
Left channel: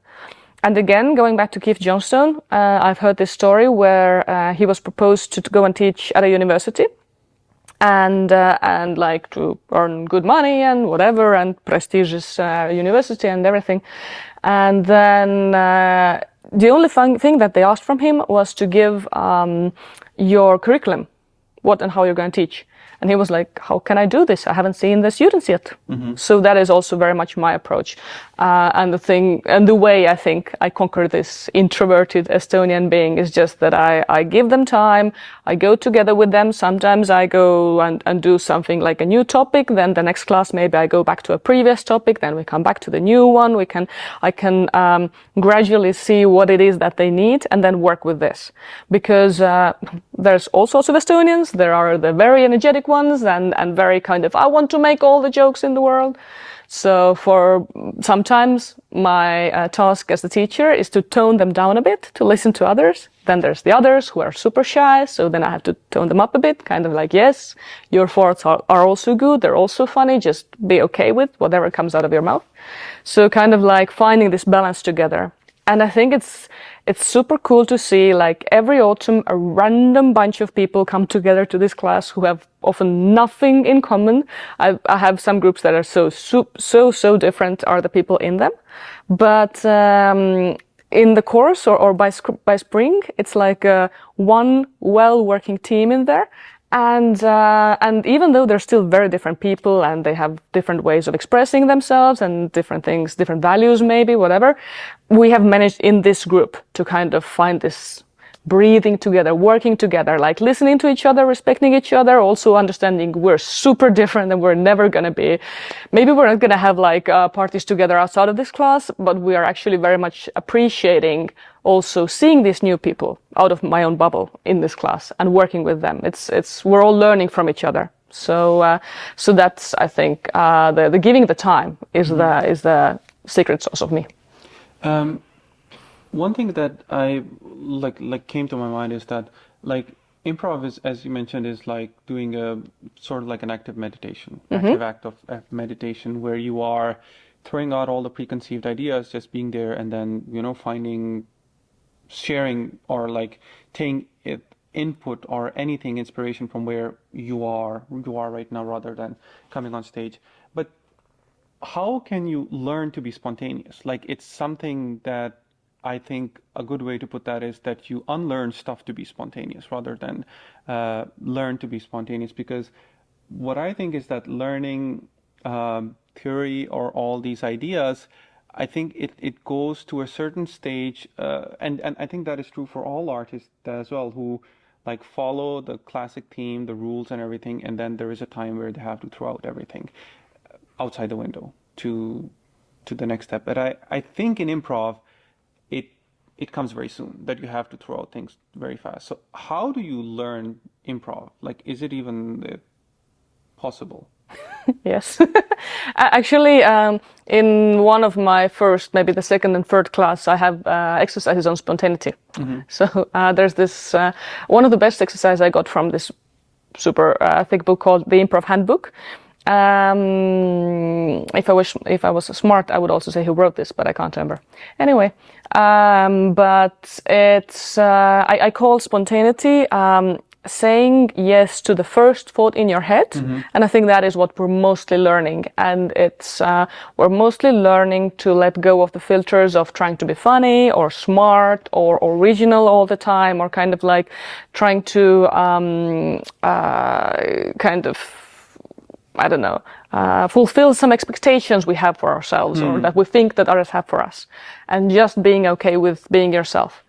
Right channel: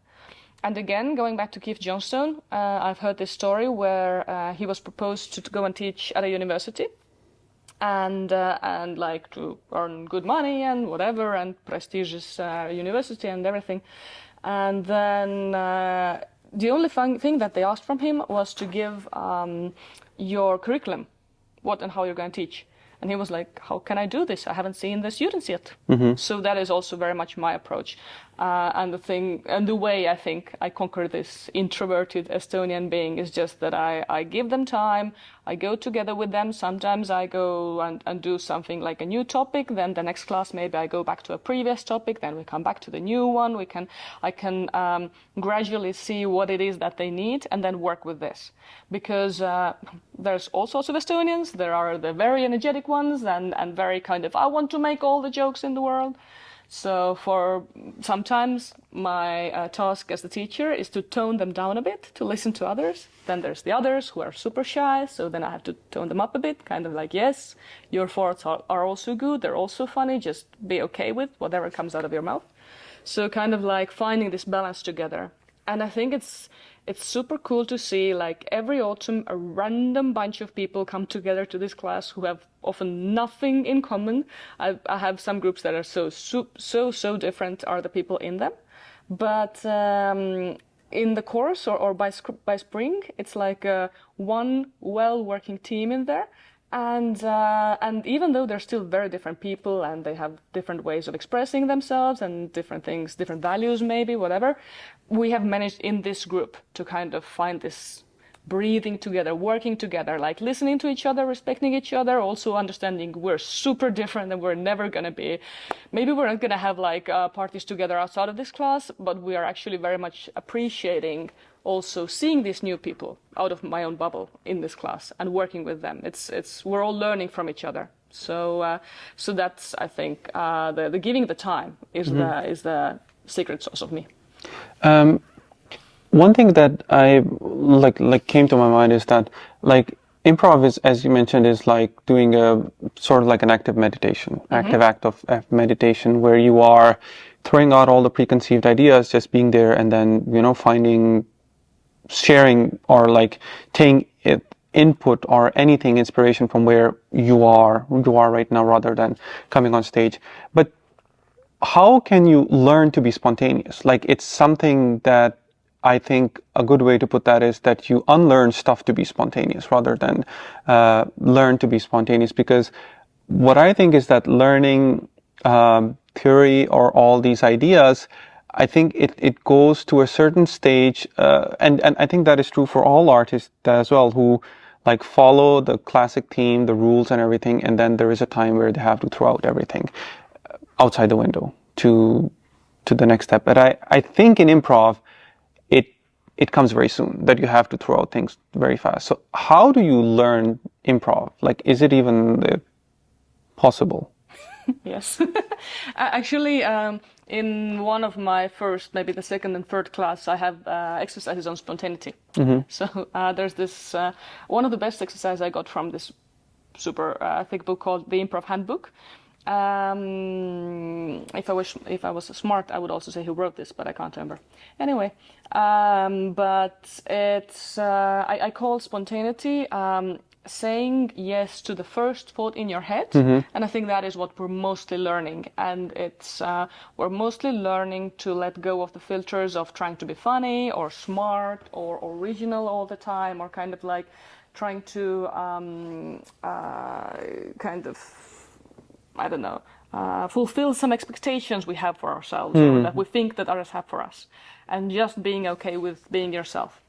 And again, going back to Keith Johnstone, I've heard this story where he was proposed to go and teach at a university. And like to earn good money and whatever, and prestigious university and everything. And then the only thing that they asked from him was to give your curriculum, what and how you're going to teach. And he was like, how can I do this? I haven't seen the students yet. So that is also very much my approach. And the way I think I conquer this introverted Estonian being is just that I give them time. I go together with them. Sometimes I go and do something like a new topic. Then the next class, maybe I go back to a previous topic. Then we come back to the new one. I can gradually see what it is that they need and then work with this. Because there's all sorts of Estonians. There are the very energetic ones and very kind of, I want to make all the jokes in the world. So for sometimes my task as the teacher is to tone them down a bit, to listen to others. Then there's the others who are super shy, so then I have to tone them up a bit, kind of like, yes, your thoughts are also good, they're also funny, just be okay with whatever comes out of your mouth. So kind of like finding this balance together. And I think it's super cool to see, like, every autumn a random bunch of people come together to this class who have often nothing in common. I have some groups that are so different are the people in them. But in the course or by spring, it's like one well-working team in there. And even though they're still very different people and they have different ways of expressing themselves and different things, different values maybe, whatever, we have managed in this group to kind of find this breathing together, working together, like listening to each other, respecting each other, also understanding we're super different and we're never going to be, maybe we're not going to have like parties together outside of this class, but we are actually very much appreciating also seeing these new people out of my own bubble in this class and working with them. We're all learning from each other. So that's, I think, the giving the time is the secret sauce of me. One thing that I like came to my mind is that, like, improv is, as you mentioned, is like doing a sort of like an active meditation, active act of meditation, where you are throwing out all the preconceived ideas, just being there, and then, you know, sharing or like taking input or anything, inspiration from where you are right now, rather than coming on stage. But how can you learn to be spontaneous? Like, it's something that I think a good way to put that is that you unlearn stuff to be spontaneous rather than learn to be spontaneous. Because what I think is that learning theory or all these ideas, I think it goes to a certain stage, and I think that is true for all artists as well, who like follow the classic theme, the rules and everything, and then there is a time where they have to throw out everything outside the window to the next step. But I think in improv, it comes very soon that you have to throw out things very fast. So how do you learn improv? Like, is it even possible? Yes. Actually, in one of my first, maybe the second and third class, I have exercises on spontaneity. So there's this, one of the best exercises I got from this super thick book called The Improv Handbook. If I was smart, I would also say who wrote this, but I can't remember. Anyway, but it's I call spontaneity saying yes to the first thought in your head, and I think that is what we're mostly learning. And it's we're mostly learning to let go of the filters of trying to be funny or smart or original all the time, or kind of like trying to kind of, I don't know, fulfill some expectations we have for ourselves or that we think that others have for us, and just being okay with being yourself.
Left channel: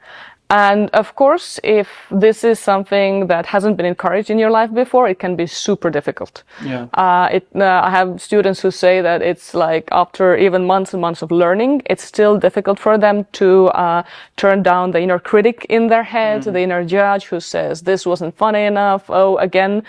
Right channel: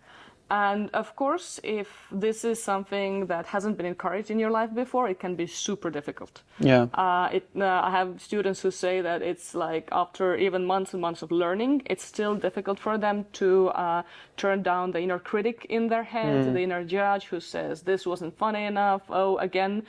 And of course, if this is something that hasn't been encouraged in your life before, it can be super difficult. Yeah. I have students who say that it's like after even months and months of learning, it's still difficult for them to turn down the inner critic in their head, the inner judge who says this wasn't funny enough. Oh, again,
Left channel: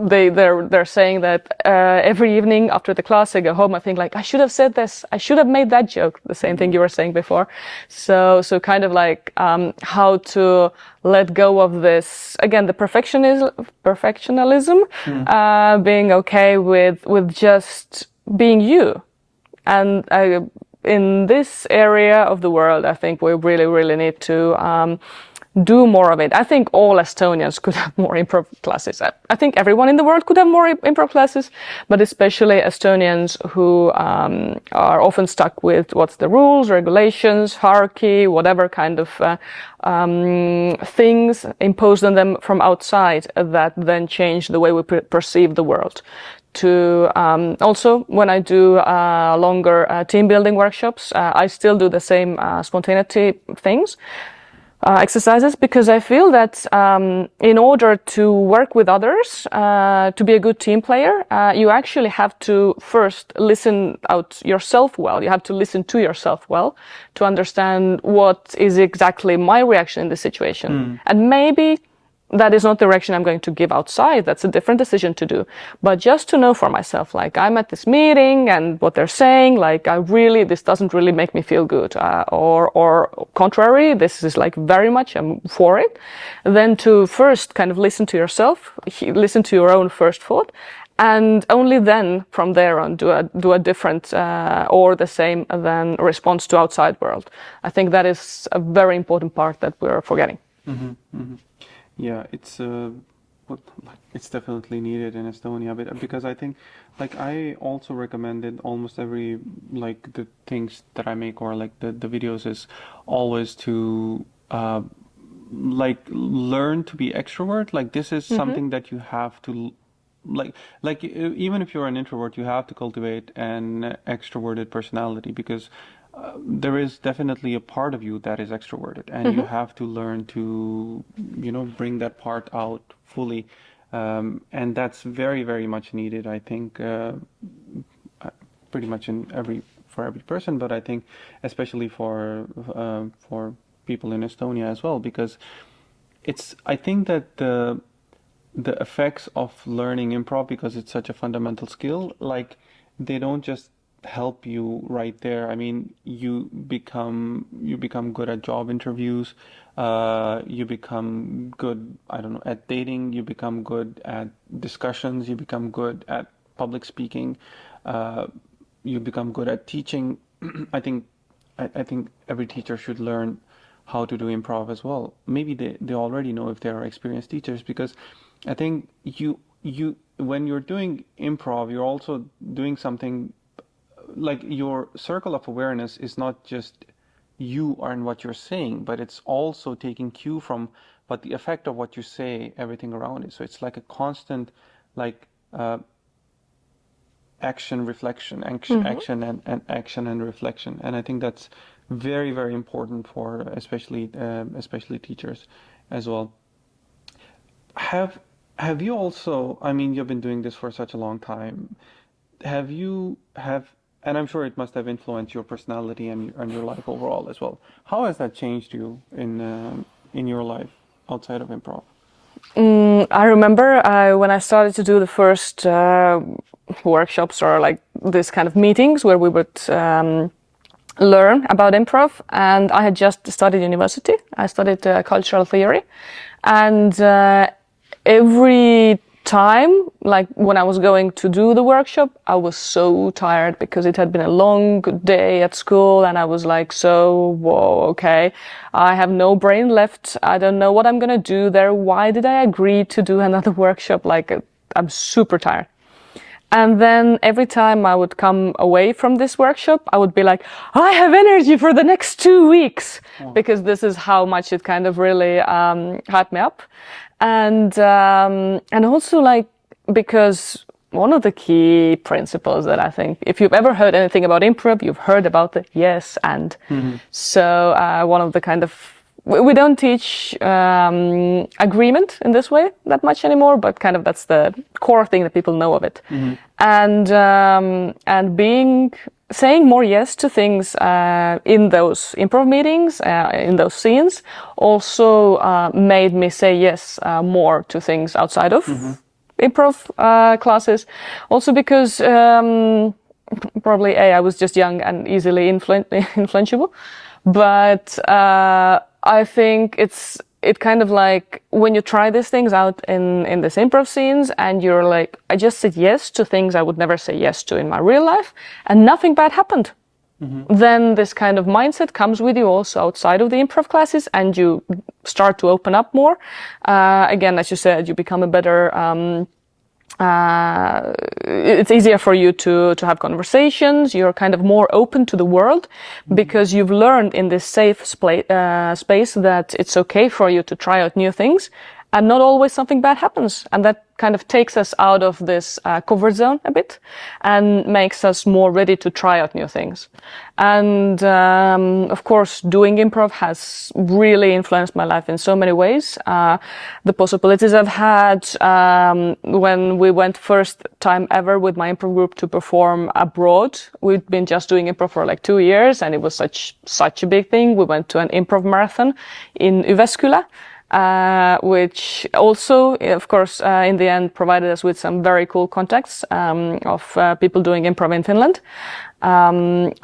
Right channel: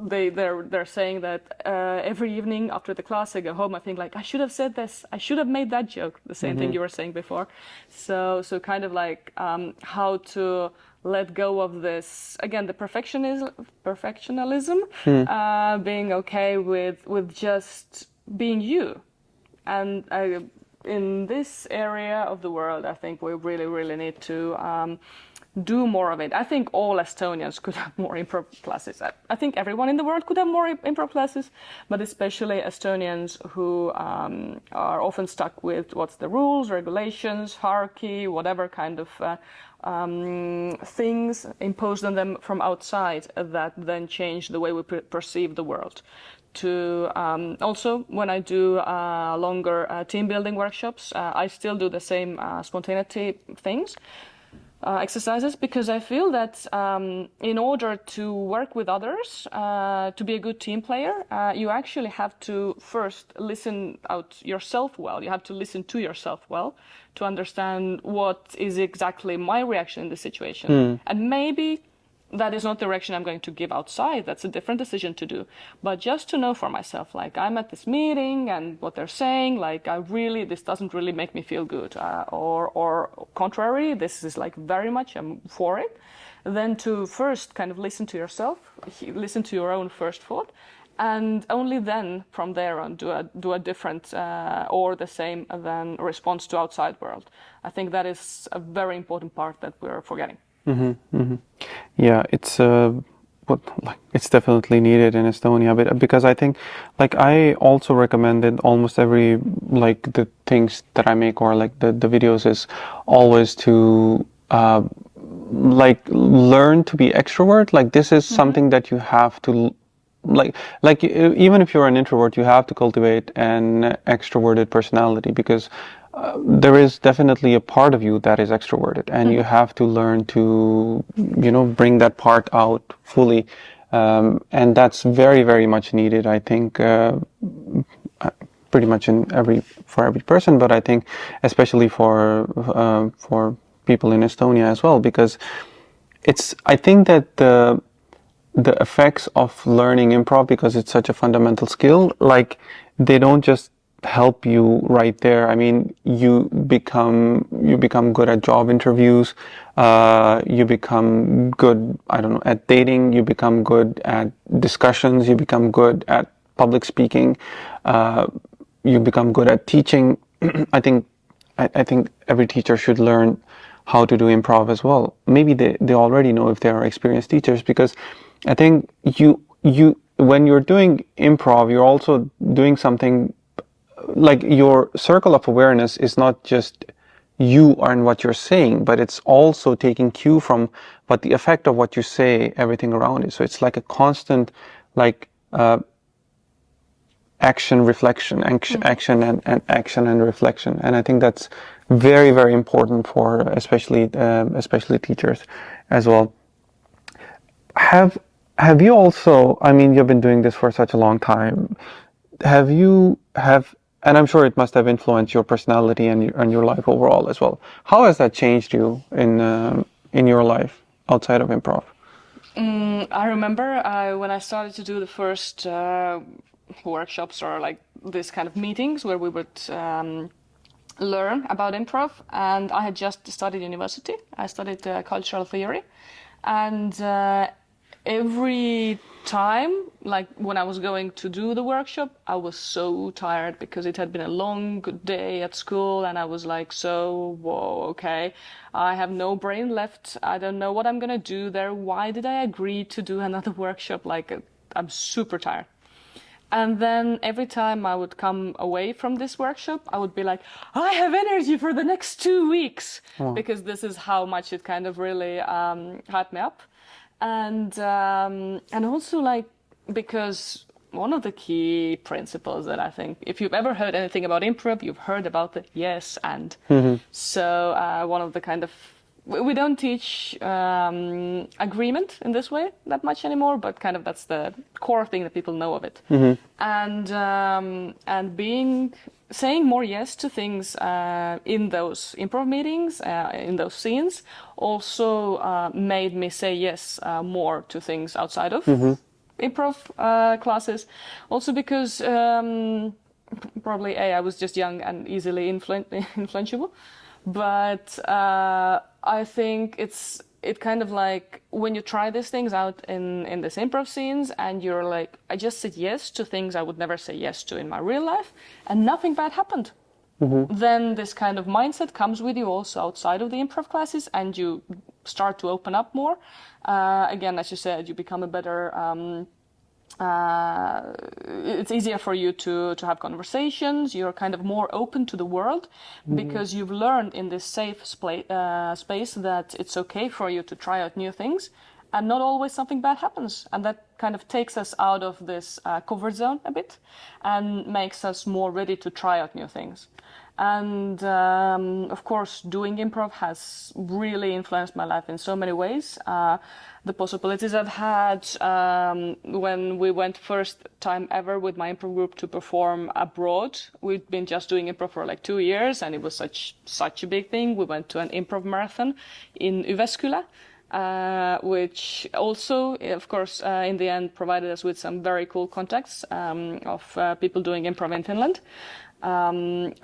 they're saying that every evening after the class I go home, I think like, I should have said this, I should have made that joke, the same thing you were saying before. So kind of like how to let go of this, again, the perfectionism, being okay with just being you. And in this area of the world, I think we really need to do more of it. I think all Estonians could have more improv classes. I think everyone in the world could have more improv classes, but especially Estonians who are often stuck with what's the rules, regulations, hierarchy, whatever kind of things imposed on them from outside that then change the way we perceive the world. To also, when I do longer team building workshops, I still do the same spontaneity things. exercises, because I feel that in order to work with others, to be a good team player, you actually have to first listen out yourself well. You have to listen to yourself well to understand what is exactly my reaction in the situation. And maybe that is not the direction I'm going to give outside. That's a different decision to do. But just to know for myself, like I'm at this meeting and what they're saying, like this doesn't really make me feel good. Or contrary, this is like very much I'm for it. Then to first kind of listen to yourself, listen to your own first thought. And only then, from there on, do a different or the same than response to outside world. I think that is a very important part that we're forgetting. Yeah, it's it's definitely needed in Estonia, but because I think, like, I also recommended almost every, like, the things that I make or like the videos is always to like learn to be extrovert. Like this is something that you have to like even if you're an introvert, you have to cultivate an extroverted personality, because there is definitely a part of you that is extroverted, and you have to learn to, bring that part out fully, and that's very, very much needed. I think pretty much for every person, but I think especially for people in Estonia as well, because I think that the effects of learning improv, because it's such a fundamental skill, like they don't just help you right there. I mean, you become good at job interviews, you become good, I don't know, at dating, you become good at discussions, you become good at public speaking, you become good at teaching. I think every teacher should learn how to do improv as well. Maybe they already know if they are experienced teachers, because I think you when you're doing improv, you're also doing something. Like your circle of awareness is not just you and what you're saying, but it's also taking cue from what the effect of what you say, everything around it. So it's like a constant, like action, reflection, action and action and reflection. And I think that's very, very important for especially teachers as well. Have you also? I mean, you've been doing this for such a long time. And I'm sure it must have influenced your personality and your life overall as well. How has that changed you in your life outside of improv? I remember when I started to do the first workshops or like this kind of meetings where we would learn about improv, and I had just studied university. I studied cultural theory, and every time, like when I was going to do the workshop, I was so tired because it had been a long day at school, and I was like, whoa, okay, I have no brain left. I don't know what I'm gonna do there. Why did I agree to do another workshop? Like, I'm super tired. And then every time I would come away from this workshop, I would be like, I have energy for the next 2 weeks, because this is how much it kind of really hyped me up. And also, like, because one of the key principles that I think, if you've ever heard anything about improv, you've heard about the yes and. So one of the kind of, we don't teach agreement in this way that much anymore, but kind of that's the core thing that people know of it. And saying more yes to things in those improv meetings, in those scenes, also made me say yes more to things outside of improv classes. Also because probably I was just young and easily influenceable, but I think it kind of like when you try these things out in this improv scenes and you're like, I just said yes to things I would never say yes to in my real life, and nothing bad happened. Then this kind of mindset comes with you also outside of the improv classes, and you start to open up more. Again, as you said, you become a better it's easier for you to have conversations. You're kind of more open to the world because you've learned in this safe space that it's okay for you to try out new things. and not always something bad happens, and that kind of takes us out of this comfort zone a bit and makes us more ready to try out new things. And of course, doing improv has really influenced my life in so many ways. The possibilities I've had when we went first time ever with my improv group to perform abroad. We'd been just doing improv for like 2 years, and it was such a big thing. We went to an improv marathon in Jyväskylä, which also, of course, in the end provided us with some very cool contacts of people doing improv in Finland. And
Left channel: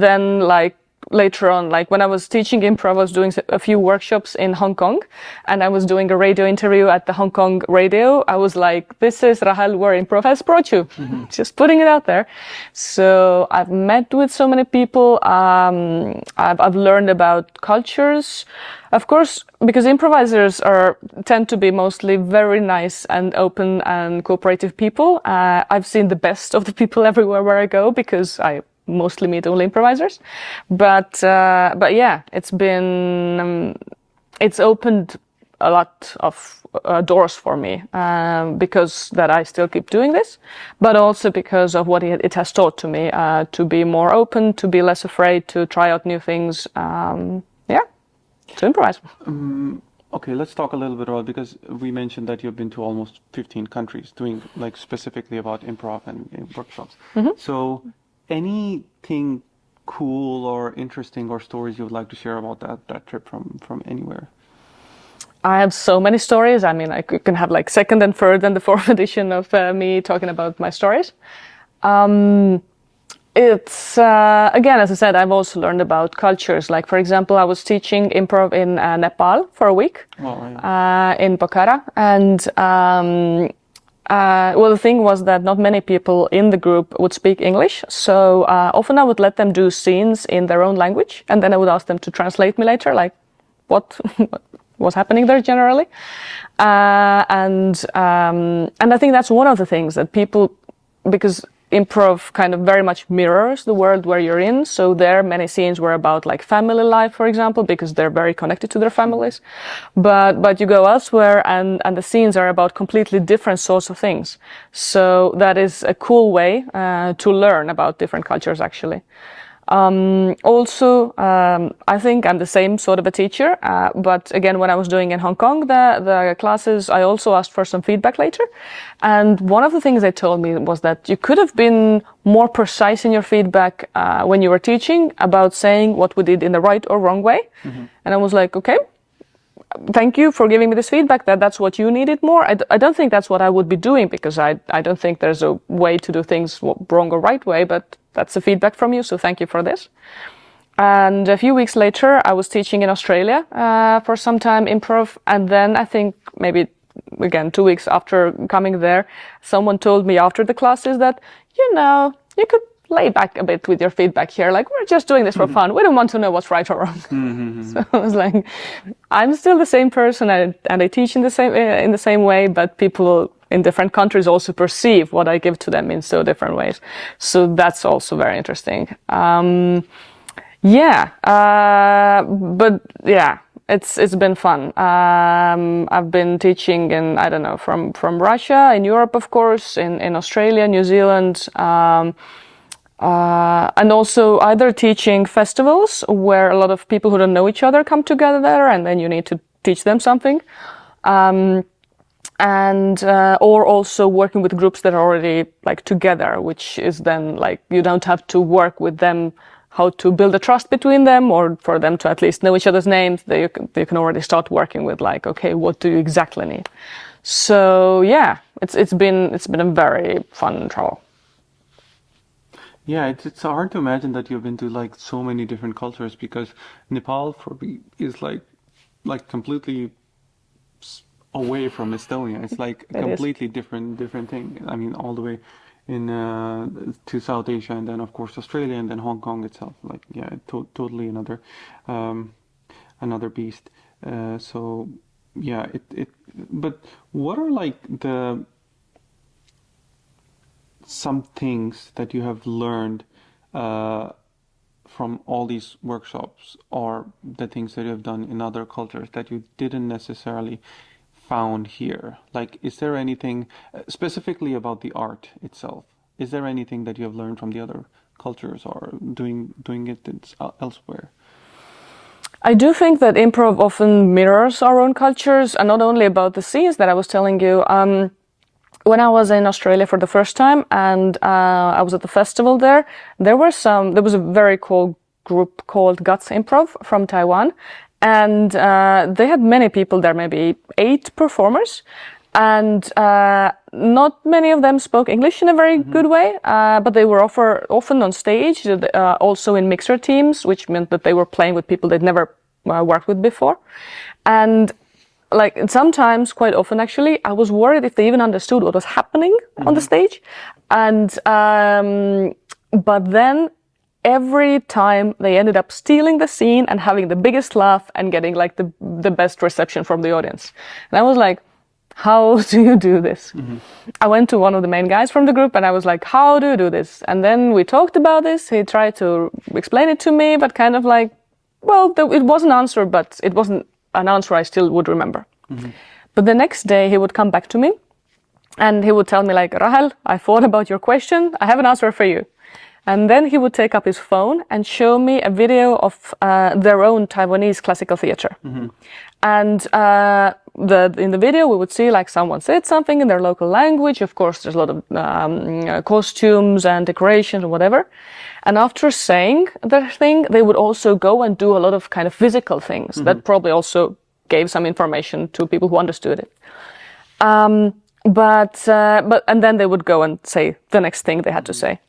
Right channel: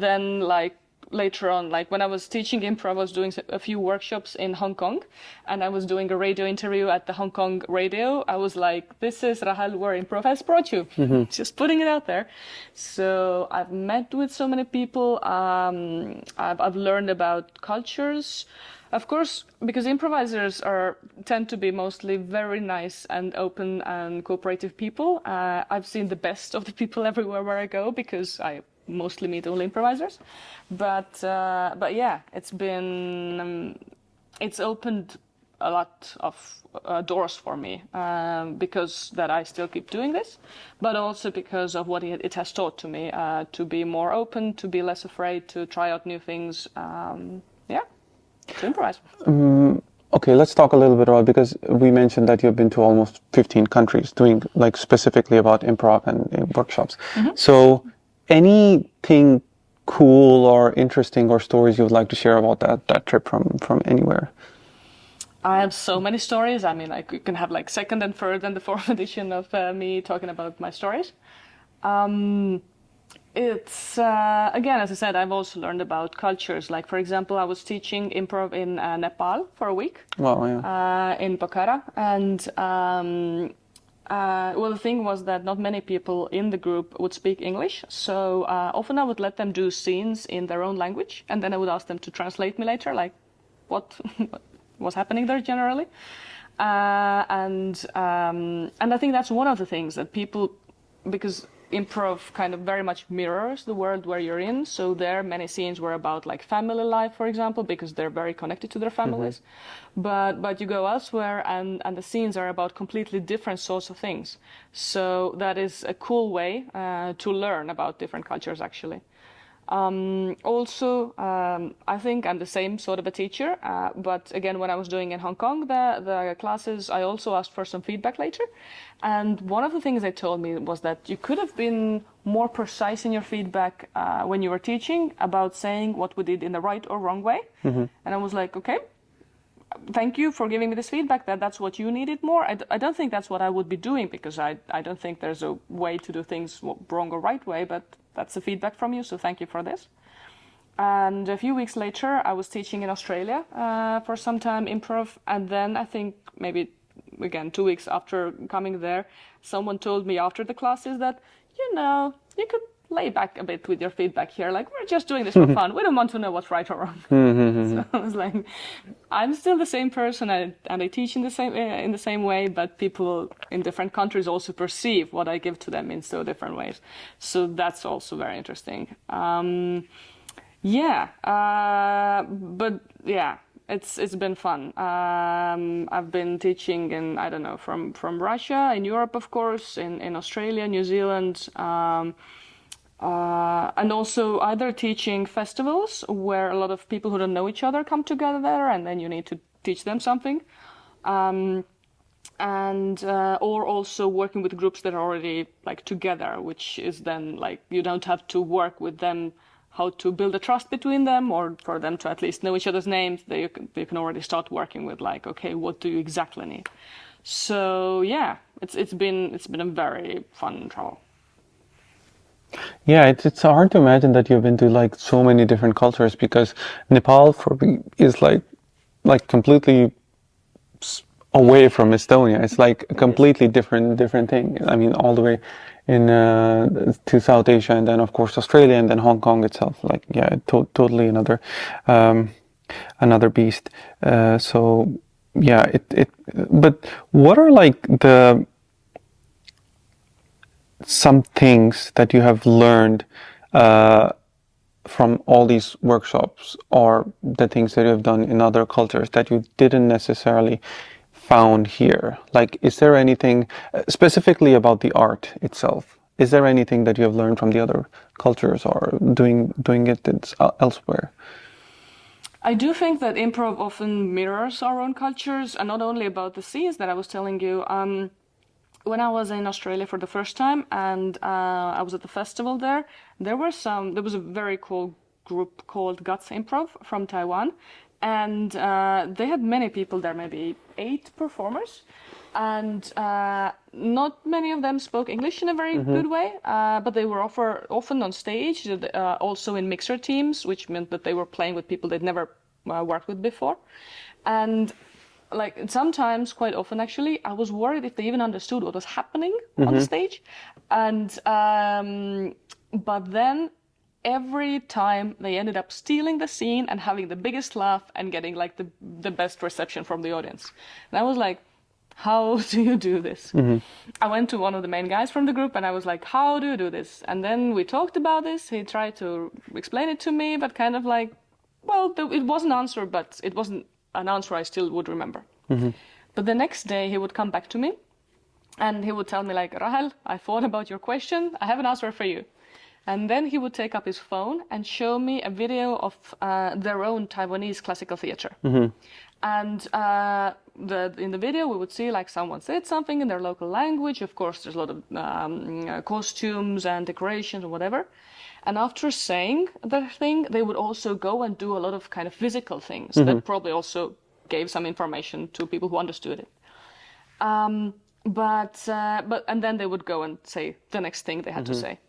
then like later on, like when I was teaching improv, I was doing a few workshops in Hong Kong, and I was doing a radio interview at the Hong Kong radio. I was like, this is Rahel, where improv has brought you. Just putting it out there. So I've met with so many people. I've learned about cultures. Of course, because improvisers tend to be mostly very nice and open and cooperative people. I've seen the best of the people everywhere where I go, because I mostly meet only improvisers. But yeah, it's opened a lot of doors for me, because that I still keep doing this, but also because of what it has taught to me, to be more open, to be less afraid, to try out new things. To improvise. Okay, let's talk a little bit about, because we mentioned that you've been to almost 15 countries doing like specifically about improv and workshops. So anything cool or interesting or stories you would like to share about that trip from anywhere? I have so many stories. I mean, I can have like second and third and the fourth edition of me talking about my stories. It's, again, as I said, I've also learned about cultures. Like, for example, I was teaching improv in Nepal for a week. Wow, yeah. In Pokhara. And, well, the thing was that not many people in the group would speak English. So often I would let them do scenes in their own language. And then I would ask them to translate me later, like what was happening there generally. And I think that's one of the things that people, because improv kind of very much mirrors the world where you're in. So there many scenes were about like family life, for example, because they're very connected to their families. But you go elsewhere and the scenes are about completely different sorts of things. So that is a cool way to learn about different cultures, actually. Also, I think I'm the same sort of a teacher, but again, when I was doing in Hong Kong, the classes, I also asked for some feedback later. And one of the things they told me was that you could have been more precise in your feedback when you were teaching about saying what we did in the right or wrong way. And I was like, okay, thank you for giving me this feedback, that's what you needed more. I don't think that's what I would be doing, because I don't think there's a way to do things wrong or right way, but that's the feedback from you, so thank you for this. And a few weeks later, I was teaching in Australia for some time improv, and then I think maybe, again, 2 weeks after coming there, someone told me after the classes that, you could lay back a bit with your feedback here. Like, we're just doing this for fun. We don't want to know what's right or wrong. So I was like, I'm still the same person, and I teach in the same way, but people in different countries also perceive what I give to them in so different ways. So that's also very interesting. But yeah, it's been fun. I've been teaching in, I don't know, from Russia, in Europe, of course, in Australia, New Zealand, and also either teaching festivals where a lot of people who don't know each other come together, and then you need to teach them something, or also working with groups that are already like together, which is then like you don't have to work with them how to build a trust between them, or for them to at least know each other's names. You can already start working with like, okay, what do you exactly need? So yeah, it's been a very fun travel. Yeah, it's hard to imagine that you've been to like so many different cultures, because Nepal for me is like completely away from Estonia. It's like a completely different thing. I mean, all the way in to South Asia, and then of course Australia, and then Hong Kong itself. Like, yeah, totally another beast. So yeah, But what are like some things that you have learned from all these workshops or the things that you've done in other cultures that you didn't necessarily found here? Like, is there anything specifically about the art itself? Is there anything that you have learned from the other cultures or doing it elsewhere? I do think that improv often mirrors our own cultures, and not only about the scenes that I was telling you. When I was in Australia for the first time and I was at the festival there was a very cool group called Guts Improv from Taiwan, and they had many people there, maybe 8 performers, and not many of them spoke English in a very good way, but they were often on stage, also in mixer teams, which meant that they were playing with people they'd never worked with before. And like sometimes, quite often actually, I was worried if they even understood what was happening on the stage. And but then every time they ended up stealing the scene and having the biggest laugh and getting like the best reception from the audience. And I was like, how do you do this? I went to one of the main guys from the group and I was like, how do you do this? And then we talked about this. He tried to explain it to me, but kind of like, well, it was an answer, but it wasn't an answer I still would remember. But the next day he would come back to me and he would tell me like, Rahel, I thought about your question. I have an answer for you. And then he would take up his phone and show me a video of their own Taiwanese classical theater. And in the video we would see like someone said something in their local language. Of course, there's a lot of costumes and decorations and whatever. And after saying their thing, they would also go and do a lot of kind of physical things that probably also gave some information to people who understood it. But and then they would go and say the next thing they had to say.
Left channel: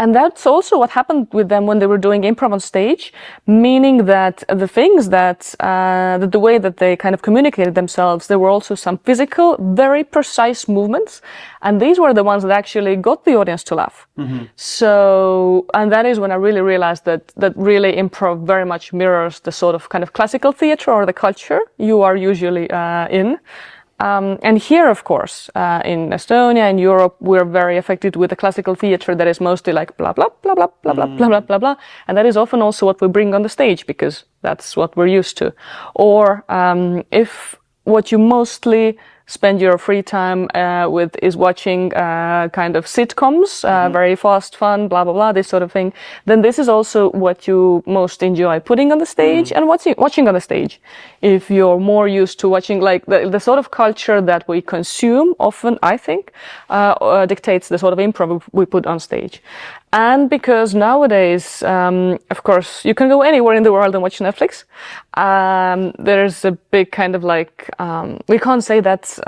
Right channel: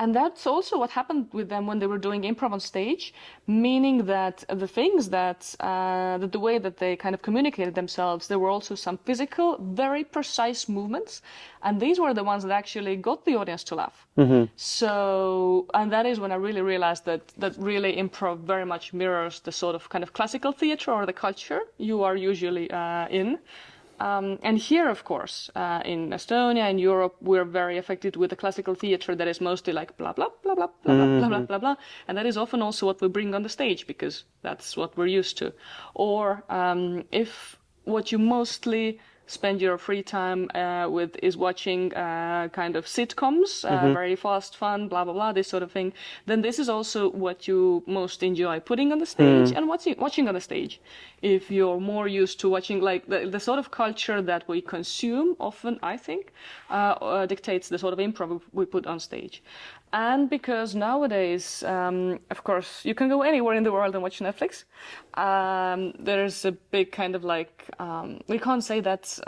And that's also what happened with them when they were doing improv on stage, meaning that the things that the way that they kind of communicated themselves, there were also some physical, very precise movements, and these were the ones that actually got the audience to laugh. So, and that is when I really realized that really improv very much mirrors the sort of kind of classical theater or the culture you are usually in. And here, of course, in Estonia and Europe, we're very affected with the classical theater that is mostly like blah, blah, blah, blah, blah, blah, blah, blah, blah, blah. And that is often also what we bring on the stage because that's what we're used to. Or if what you mostly spend your free time with is watching kind of sitcoms, very fast, fun, blah, blah, blah, this sort of thing, then this is also what you most enjoy putting on the stage and watching on the stage. If you're more used to watching, like the sort of culture that we consume often, I think, dictates the sort of improv we put on stage. And because nowadays, of course, you can go anywhere in the world and watch Netflix. There's a big kind of like, we can't say that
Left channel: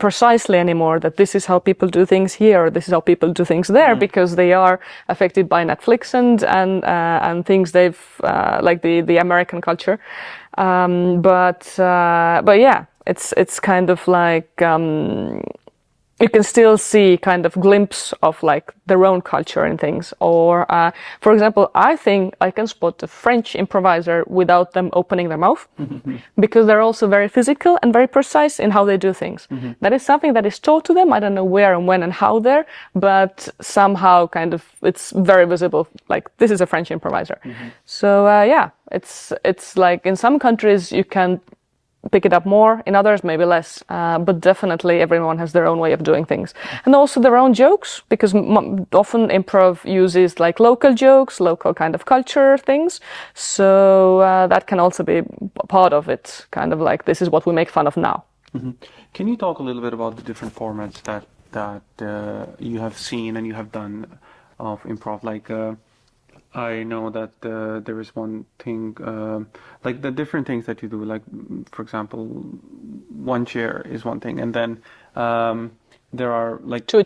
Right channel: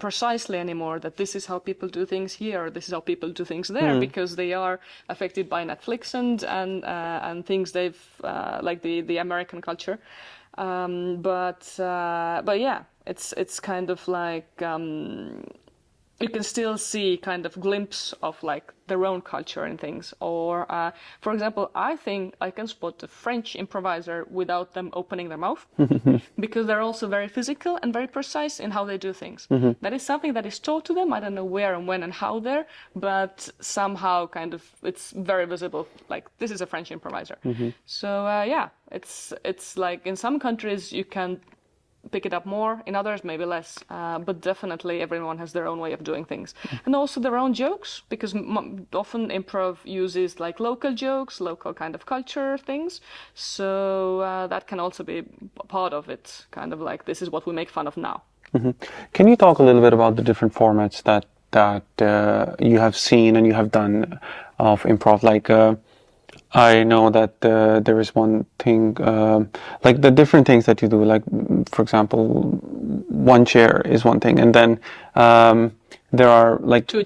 precisely anymore, that this is how people do things here, or this is how people do things there, because they are affected by Netflix and things they've, like the American culture. But yeah, it's kind of like, you can still see kind of glimpse of like their own culture and things. Or, for example, I think I can spot a French improviser without them opening their mouth because they're also very physical and very precise in how they do things. That is something that is taught to them. I don't know where and when and how there, but somehow kind of it's very visible. Like this is a French improviser. So, yeah, it's like in some countries you can pick it up more, in others maybe less, but definitely everyone has their own way of doing things. And also their own jokes, because often improv uses like local jokes, local kind of culture things, so that can also be part of it, kind of like this is what we make fun of now. Can you talk a little bit about the different formats that you have seen and you have done of improv? Like I know that there is one thing, like the different things that you do, like, for example, one chair is one thing, and then there are like Two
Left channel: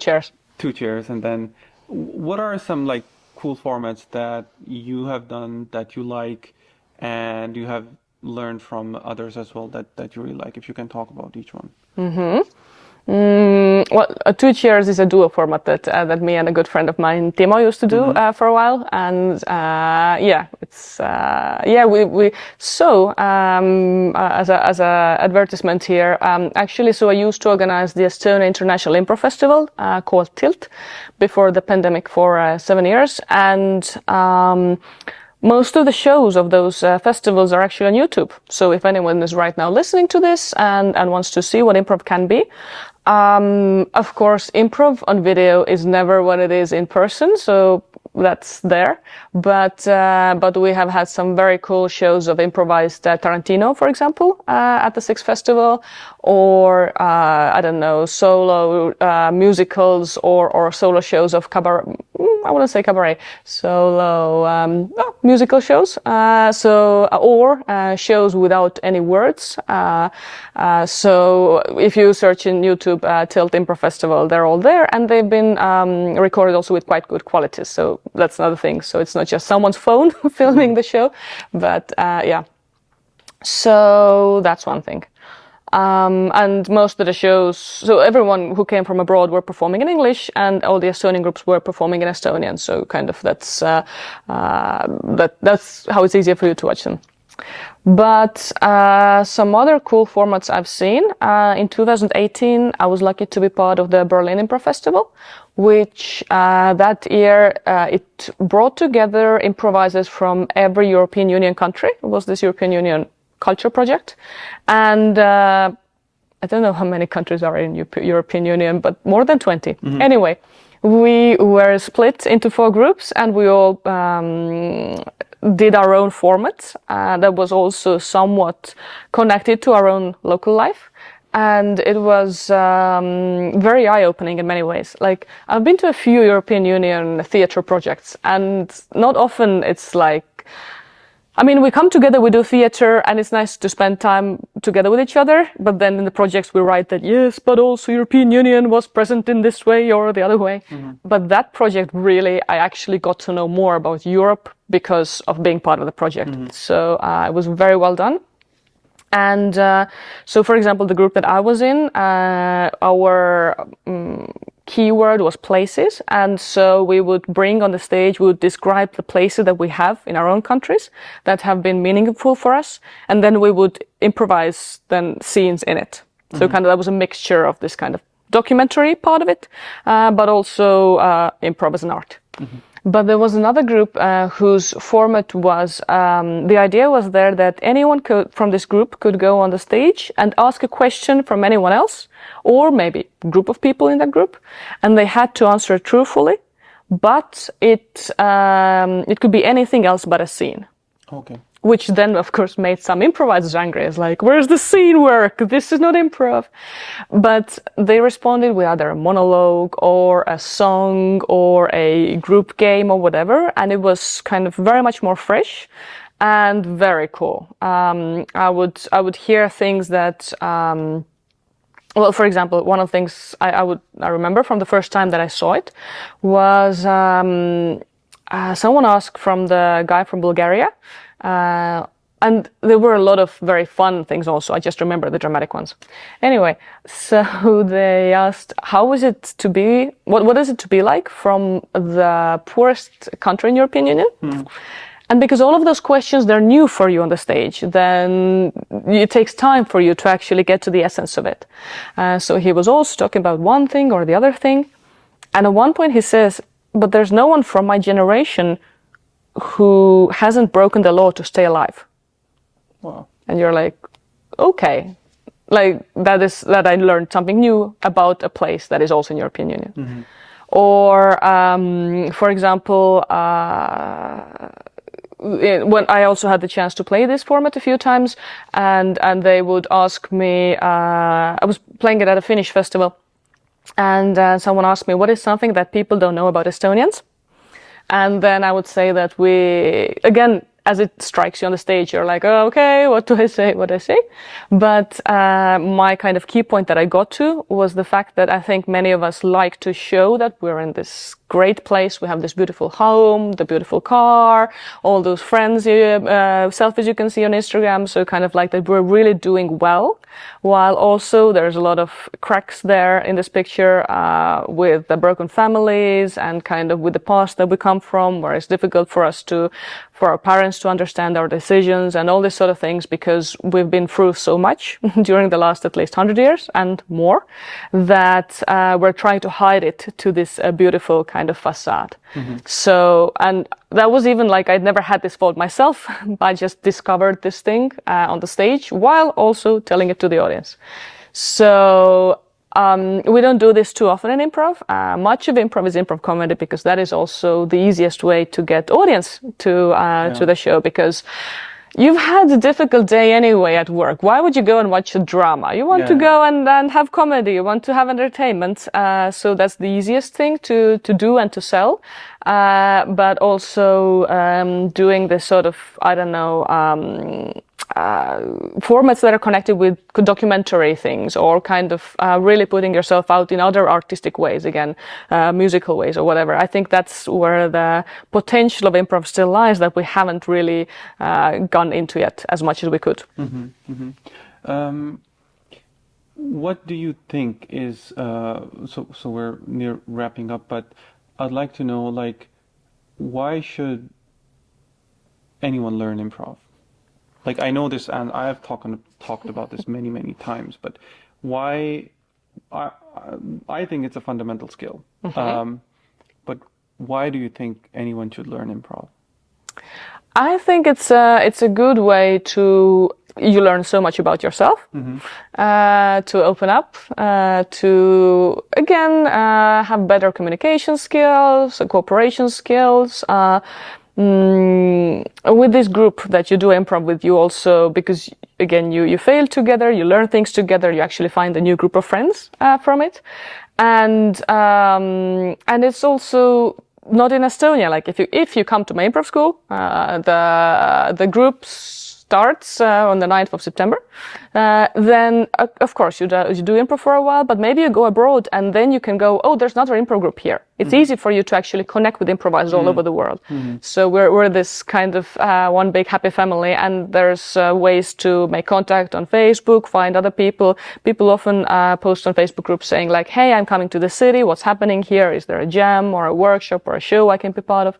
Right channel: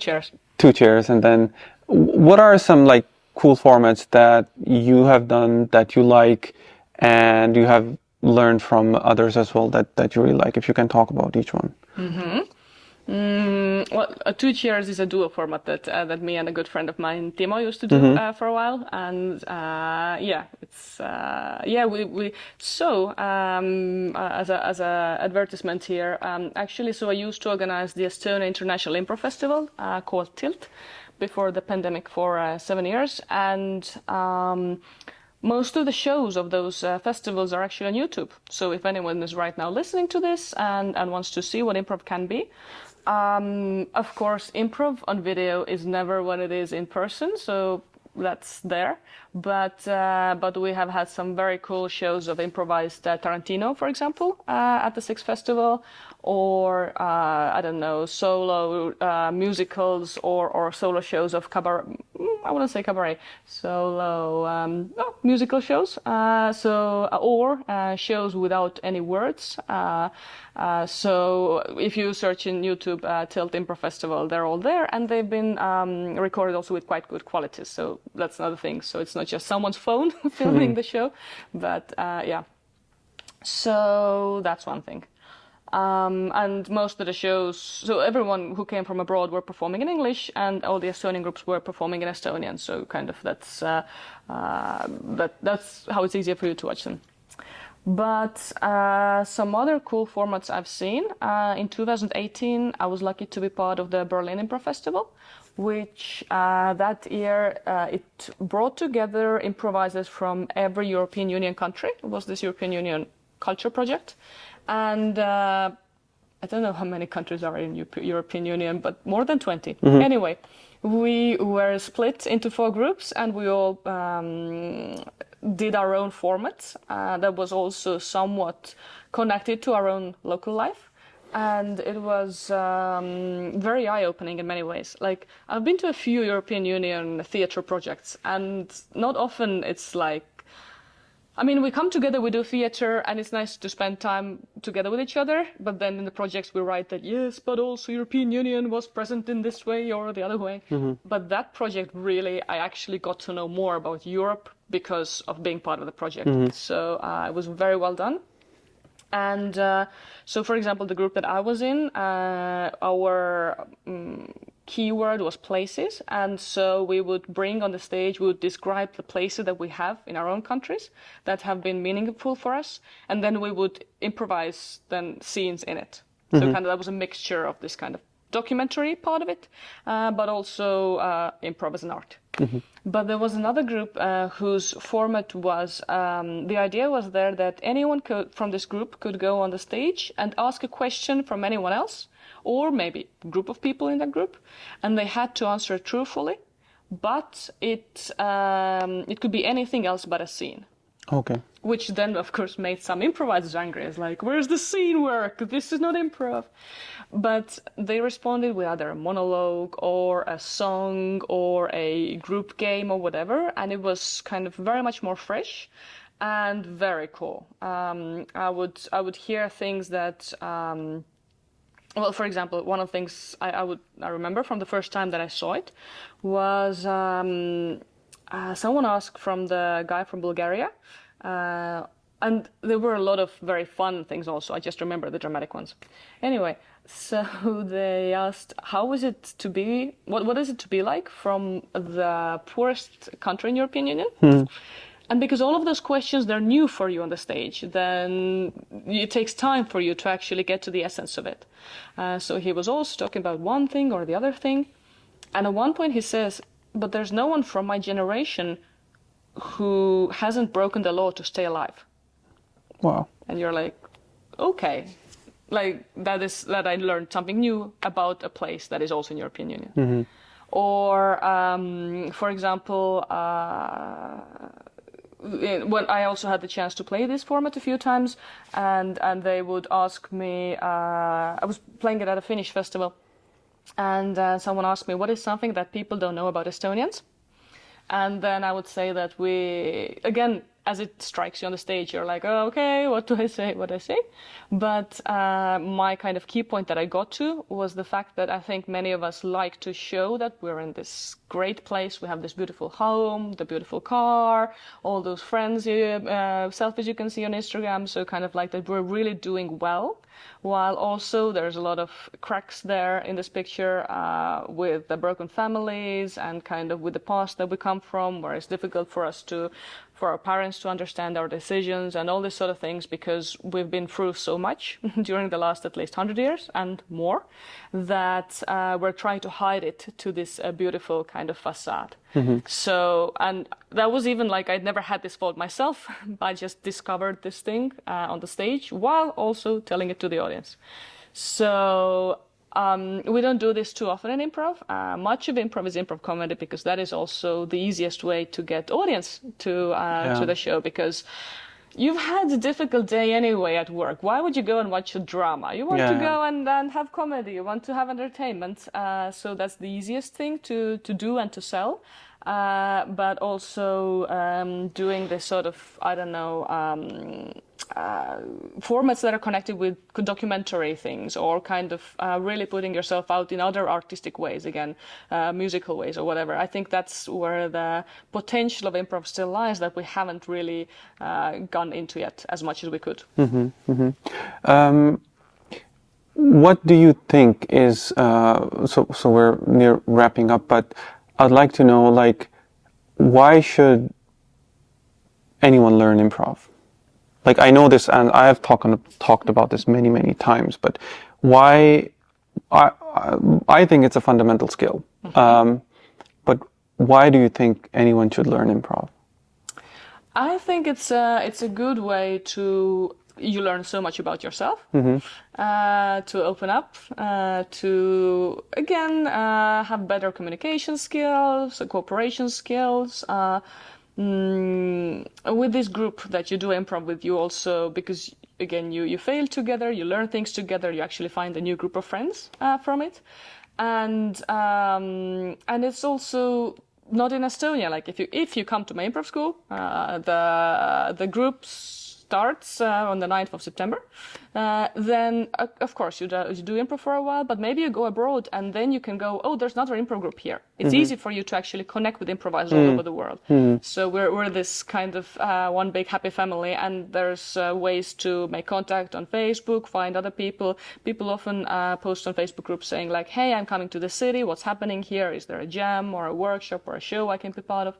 chairs, and then what are some like cool formats that you have done that you like and you have learned from others as well that you really like, if you can talk about each one? Well, Two Cheers is a duo format that me and a good friend of mine, Timo, used to do for a while, and it's we so as a advertisement here, actually, so I used to organize the Estonia International Improv Festival called Tilt before the pandemic for 7 years, and most of the shows of those festivals are actually on YouTube. So if anyone is right now listening to this and wants to see what improv can be, of course, improv on video is never what it is in person, so that's there. But we have had some very cool shows of improvised Tarantino, for example, at the Six Festival, or I don't know, solo musicals or solo shows of cabaret. I wouldn't say cabaret, solo musical shows. Or shows without any words. So if you search in YouTube Tilt Improv Festival, they're all there, and they've been recorded also with quite good quality. So that's another thing. So it's not just someone's phone filming the show, but yeah. So that's one thing. And most of the shows, so everyone who came from abroad were performing in English, and all the Estonian groups were performing in Estonian. So kind of that's how it's easier for you to watch them. But some other cool formats I've seen. In 2018, I was lucky to be part of the Berlin Improv Festival, which that year it brought together improvisers from every European Union country. It was this European Union culture project. And I don't know how many countries are in European Union, but more than 20. Anyway, we were split into 4 groups, and we all did our own format that was also somewhat connected to our own local life. And it was very eye-opening in many ways. Like, I've been to a few European Union theatre projects, and not often it's like, I mean, we come together, we do theatre, and it's nice to spend time together with each other. But then in the projects we write that, yes, but also European Union was present in this way or the other way. But that project really, I actually got to know more about Europe because of being part of the project. So it was very well done. And so, for example, the group that I was in, our keyword was places. And so we would bring on the stage, we would describe the places that we have in our own countries that have been meaningful for us. And then we would improvise then scenes in it. So kind of that was a mixture of this kind of documentary part of it, but also improv as an art. But there was another group whose format was, the idea was there that anyone from this group could go on the stage and ask a question from anyone else, or maybe a group of people in that group, and they had to answer truthfully, but it could be anything else but a scene. Okay. Which then, of course, made some improvisers angry. It's like, where's the scene work? This is not improv. But they responded with either a monologue or a song or a group game or whatever. And it was kind of very much more fresh and very cool. I would hear things that, well, for example, one of the things I remember from the first time that I saw it was someone asked from the guy from Bulgaria. And there were a lot of very fun things also. I just remember the dramatic ones. Anyway, so they asked, how is it to be, what is it to be like from the poorest country in European Union? And because all of those questions, they're new for you on the stage, then it takes time for you to actually get to the essence of it. So he was also talking about one thing or the other thing. And at one point he says, but there's no one from my generation who hasn't broken the law to stay alive. Wow. And you're like, okay, like that I learned something new about a place that is also in European Union. Or, for example, when I also had the chance to play this format a few times, and they would ask me, I was playing it at a Finnish festival, and someone asked me, what is something that people don't know about Estonians? And then I would say that we, again, as it strikes you on the stage, you're like, oh, okay, what do I say? What do I say? But my kind of key point that I got to was the fact that I think many of us like to show that we're in this great place. We have this beautiful home, the beautiful car, all those friends, selfies you can see on Instagram. So kind of like that we're really doing well, while also there's a lot of cracks there in this picture with the broken families and kind of with the past that we come from, where it's difficult for our parents to understand our decisions and all these sort of things, because we've been through so much during the last at least 100 years and more, that we're trying to hide it to this beautiful kind of facade. So, and that was even like, I'd never had this thought myself. I just discovered this thing on the stage while also telling it to the audience. So we don't do this too often in improv. Much of improv is improv comedy, because that is also the easiest way to get audience to the show, because you've had a difficult day anyway at work. Why would you go and watch a drama? You want to go and have comedy. You want to have entertainment. So that's the easiest thing to do and to sell. But also doing this sort of, I don't know, formats that are connected with documentary things, or kind of really putting yourself out in other artistic ways, again, musical ways or whatever. I think that's where the potential of improv still lies, that we haven't really gone into yet as much as we could. What do you think is, so we're near wrapping up, but I'd like to know, like, why should anyone learn improv? Like, I know this, and I have talked about this many, many times, but why? I think it's a fundamental skill. But why do you think anyone should learn improv? I think it's a good way to, you learn so much about yourself, to open up, to again have better communication skills, cooperation skills. With this group that you do improv with, you also, because again you fail together, you learn things together, you actually find a new group of friends from it, and it's also not in Estonia. Like if you come to my improv school, the group starts on the 9th of September. Then, of course, you do improv for a while, but maybe you go abroad and then you can go, oh, there's another improv group here. It's easy for you to actually connect with improvisers all over the world. So we're this kind of one big happy family, and there's ways to make contact on Facebook, find other people. People often post on Facebook groups saying like, hey, I'm coming to the city. What's happening here? Is there a jam or a workshop or a show I can be part of?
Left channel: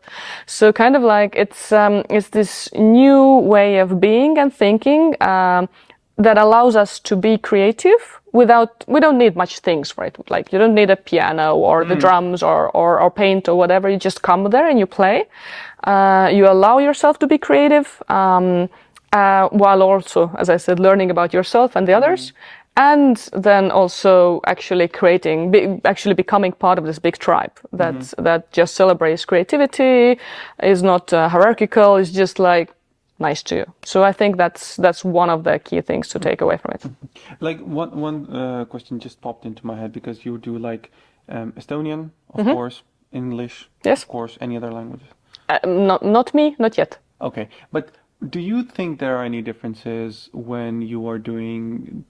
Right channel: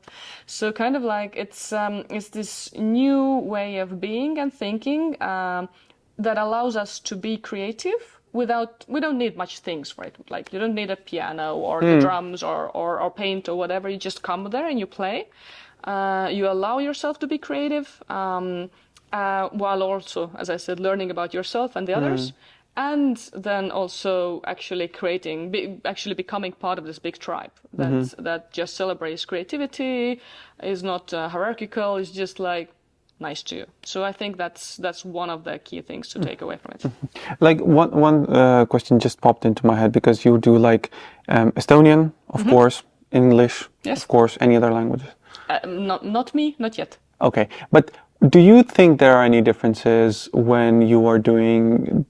So kind of like it's this new way of being and thinking that allows us to be creative we don't need much things for it. Like you don't need a piano or the drums or paint or whatever. You just come there and you play. You allow yourself to be creative, while also, as I said, learning about yourself and the others. And then also actually becoming part of this big tribe that just celebrates creativity, is not hierarchical, is just like nice to you. So I think that's one of the key things to take away from it. Like one question just popped into my head, because you do like Estonian, of course, English, yes, of course, any other languages? Not me, not yet. Okay, but do you think there are any differences when you are doing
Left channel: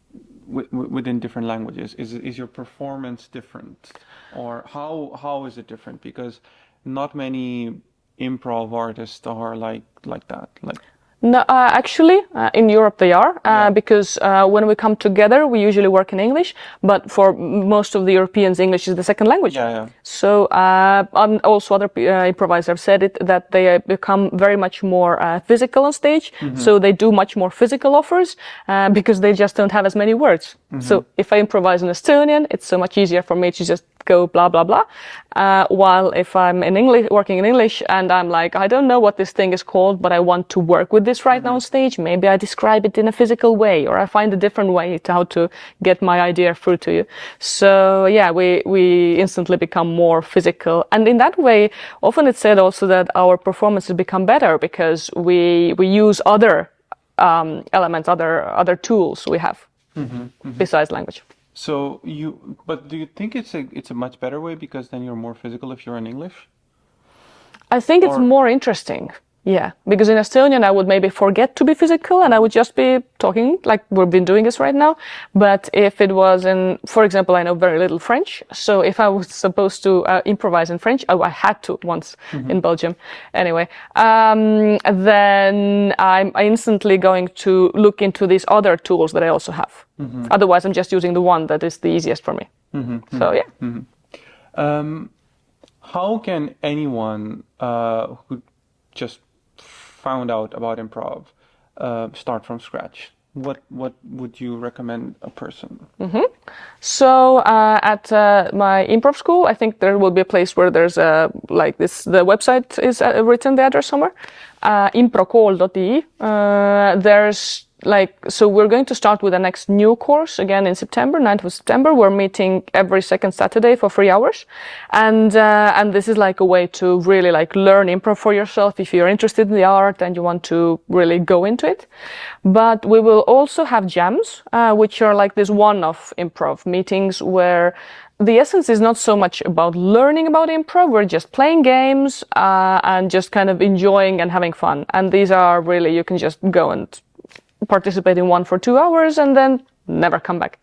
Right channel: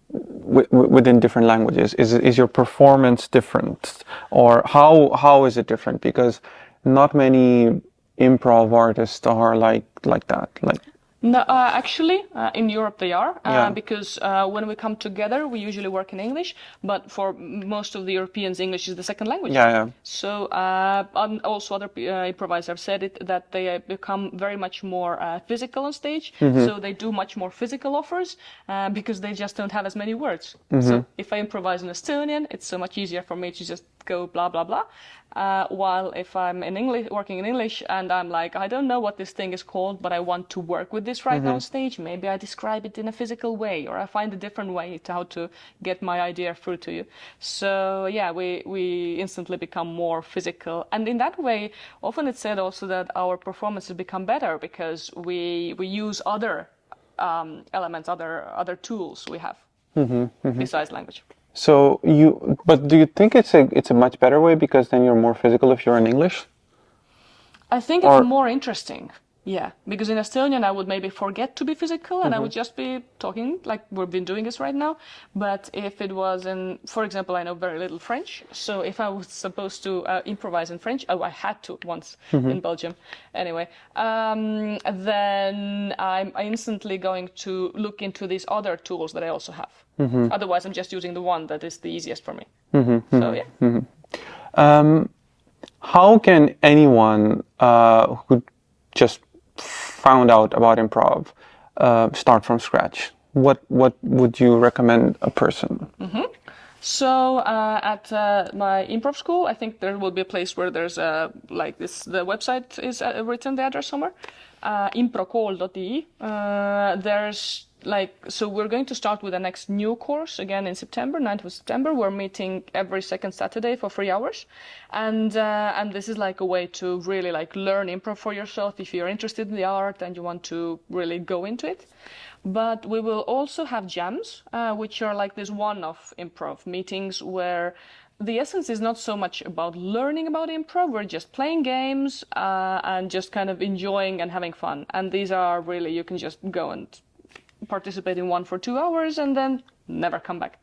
within different languages? Is your performance different, or how is it different? Because not many improv artists are like that. Like no, actually, in Europe they are, because when we come together, we usually work in English, but for most of the Europeans, English is the second language. So also other improvisers have said it, that they become very much more physical on stage, so they do much more physical offers, because they just don't have as many words. So if I improvise in Estonian, it's so much easier for me to just go blah, blah, blah. While if I'm in English, working in English, and I'm like, I don't know what this thing is called, but I want to work with this right now on stage, maybe I describe it in a physical way, or I find a different way to how to get my idea through to you. So yeah, we instantly become more physical. And in that way, often it's said also that our performances become better because we use other elements, other tools we have besides language. So but do you think it's a much better way, because then you're more physical if you're in English? I think it's more interesting, Yeah, because in Estonian I would maybe forget to be physical and I would just be talking like we've been doing this right now. But if it was in, for example, I know very little French, so if I was supposed to improvise in French, I had to once in Belgium. Anyway, then I'm instantly going to look into these other tools that I also have. Otherwise, I'm just using the one that is the easiest for me. So yeah. How can anyone who just found out about improv start from scratch? What would you recommend a person? So at my improv school, I think there will be a place where there's like this. The website is written, the address somewhere. Improkool.ee. There's so we're going to start with the next new course again in September, 9th of September. We're meeting every second Saturday for 3 hours. And this is like a way to really like learn improv for yourself if you're interested in the art and you want to really go into it. But we will also have jams, which are like this one-off improv meetings where the essence is not so much about learning about improv. We're just playing games and just kind of enjoying and having fun. And these are really, you can just go and participate in one for 2 hours and then never come back.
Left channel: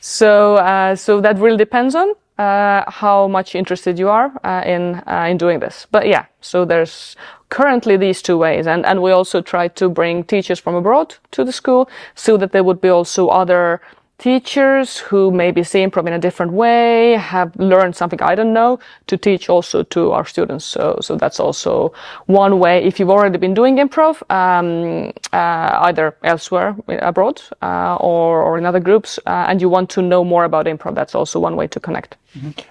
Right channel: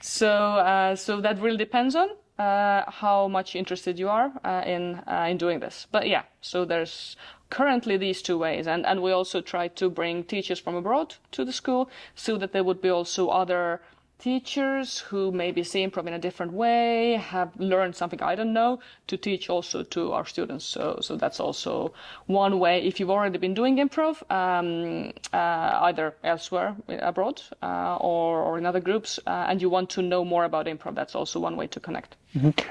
So that really depends on how much interested you are in doing this. But yeah, so there's currently these two ways, and we also try to bring teachers from abroad to the school so that there would be also other teachers who maybe see improv in a different way, have learned something I don't know, to teach also to our students. So that's also one way. If you've already been doing improv, either elsewhere abroad or in other groups, and you want to know more about improv, that's also one way to connect.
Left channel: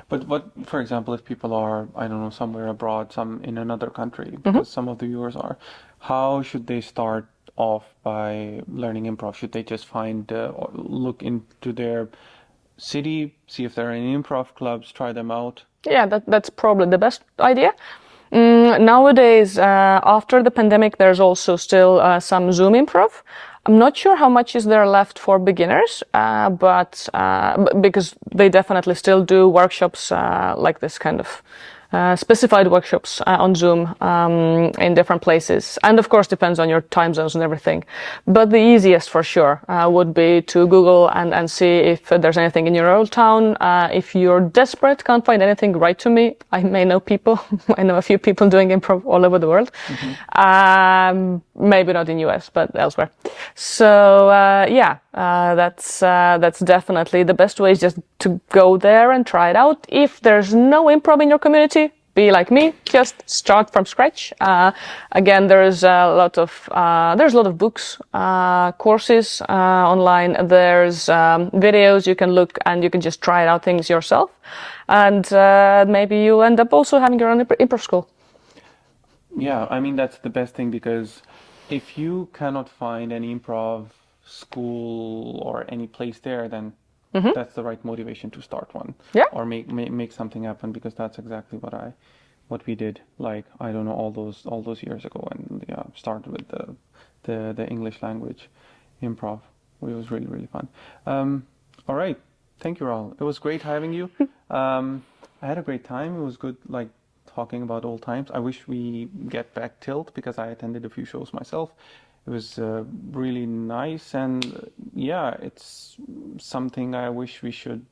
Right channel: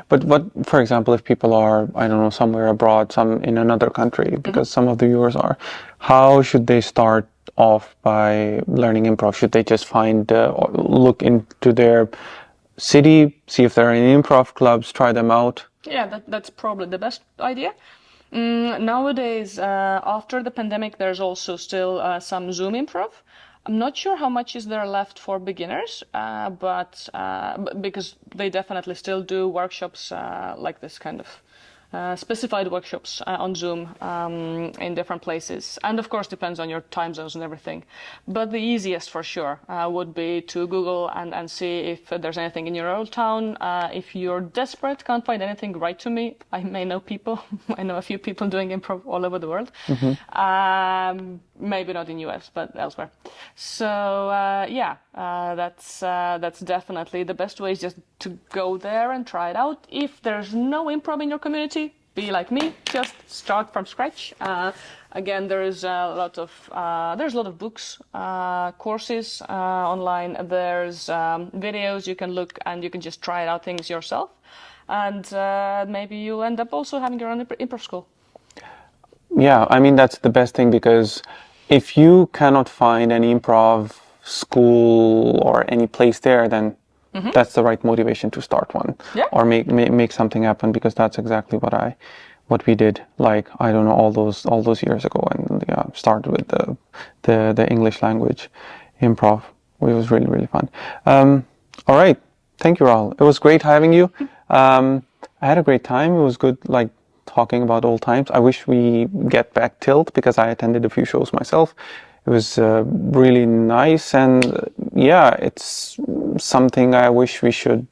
But what, for example, if people are, I don't know, somewhere abroad, some in another country, because some of the viewers are, how should they start off by learning improv? Should they just look into their city, see if there are any improv clubs, try them out? Yeah, that's probably the best idea. Nowadays, after the pandemic, there's also still some Zoom improv. I'm not sure how much is there left for beginners, but because they definitely still do workshops like this kind of specified workshops on Zoom in different places. And of course, depends on your time zones and everything. But the easiest for sure would be to Google and see if there's anything in your old town. If you're desperate, can't find anything, write to me. I may know people. I know a few people doing improv all over the world. Maybe not in US, but elsewhere. So that's definitely the best way, is just to go there and try it out. If there's no improv in your community, be like me, just start from scratch. Again, there's a lot of books, courses online. There's videos you can look and you can just try out things yourself. And maybe you end up also having your own improv school. Yeah, I mean, that's the best thing, because if you cannot find any improv school or any place there, then that's the right motivation to start one, or make something happen, because that's exactly what we did. Like, I don't know, all those years ago, and started with the English language improv. It was really, really fun. All right, thank you, Rahel. It was great having you. I had a great time. It was good, like, talking about old times. I wish we get back Tilt, because I attended a few shows myself. It was really nice, and it's something I wish we should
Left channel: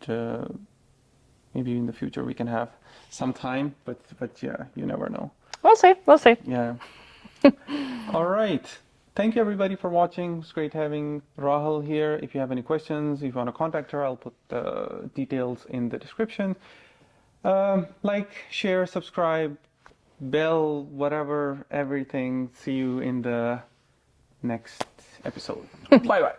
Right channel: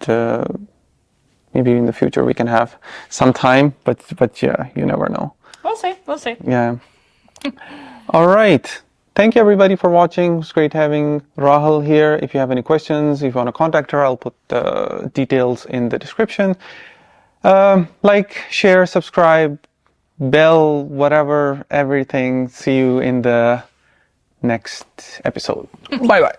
maybe in the future we can have some time, but yeah, you never know. We'll see. Yeah. All right. Thank you everybody for watching. It was great having Rahel here. If you have any questions, if you want to contact her, I'll put the details in the description. Like, share, subscribe, bell, whatever, everything. See you in the next episode. Bye bye.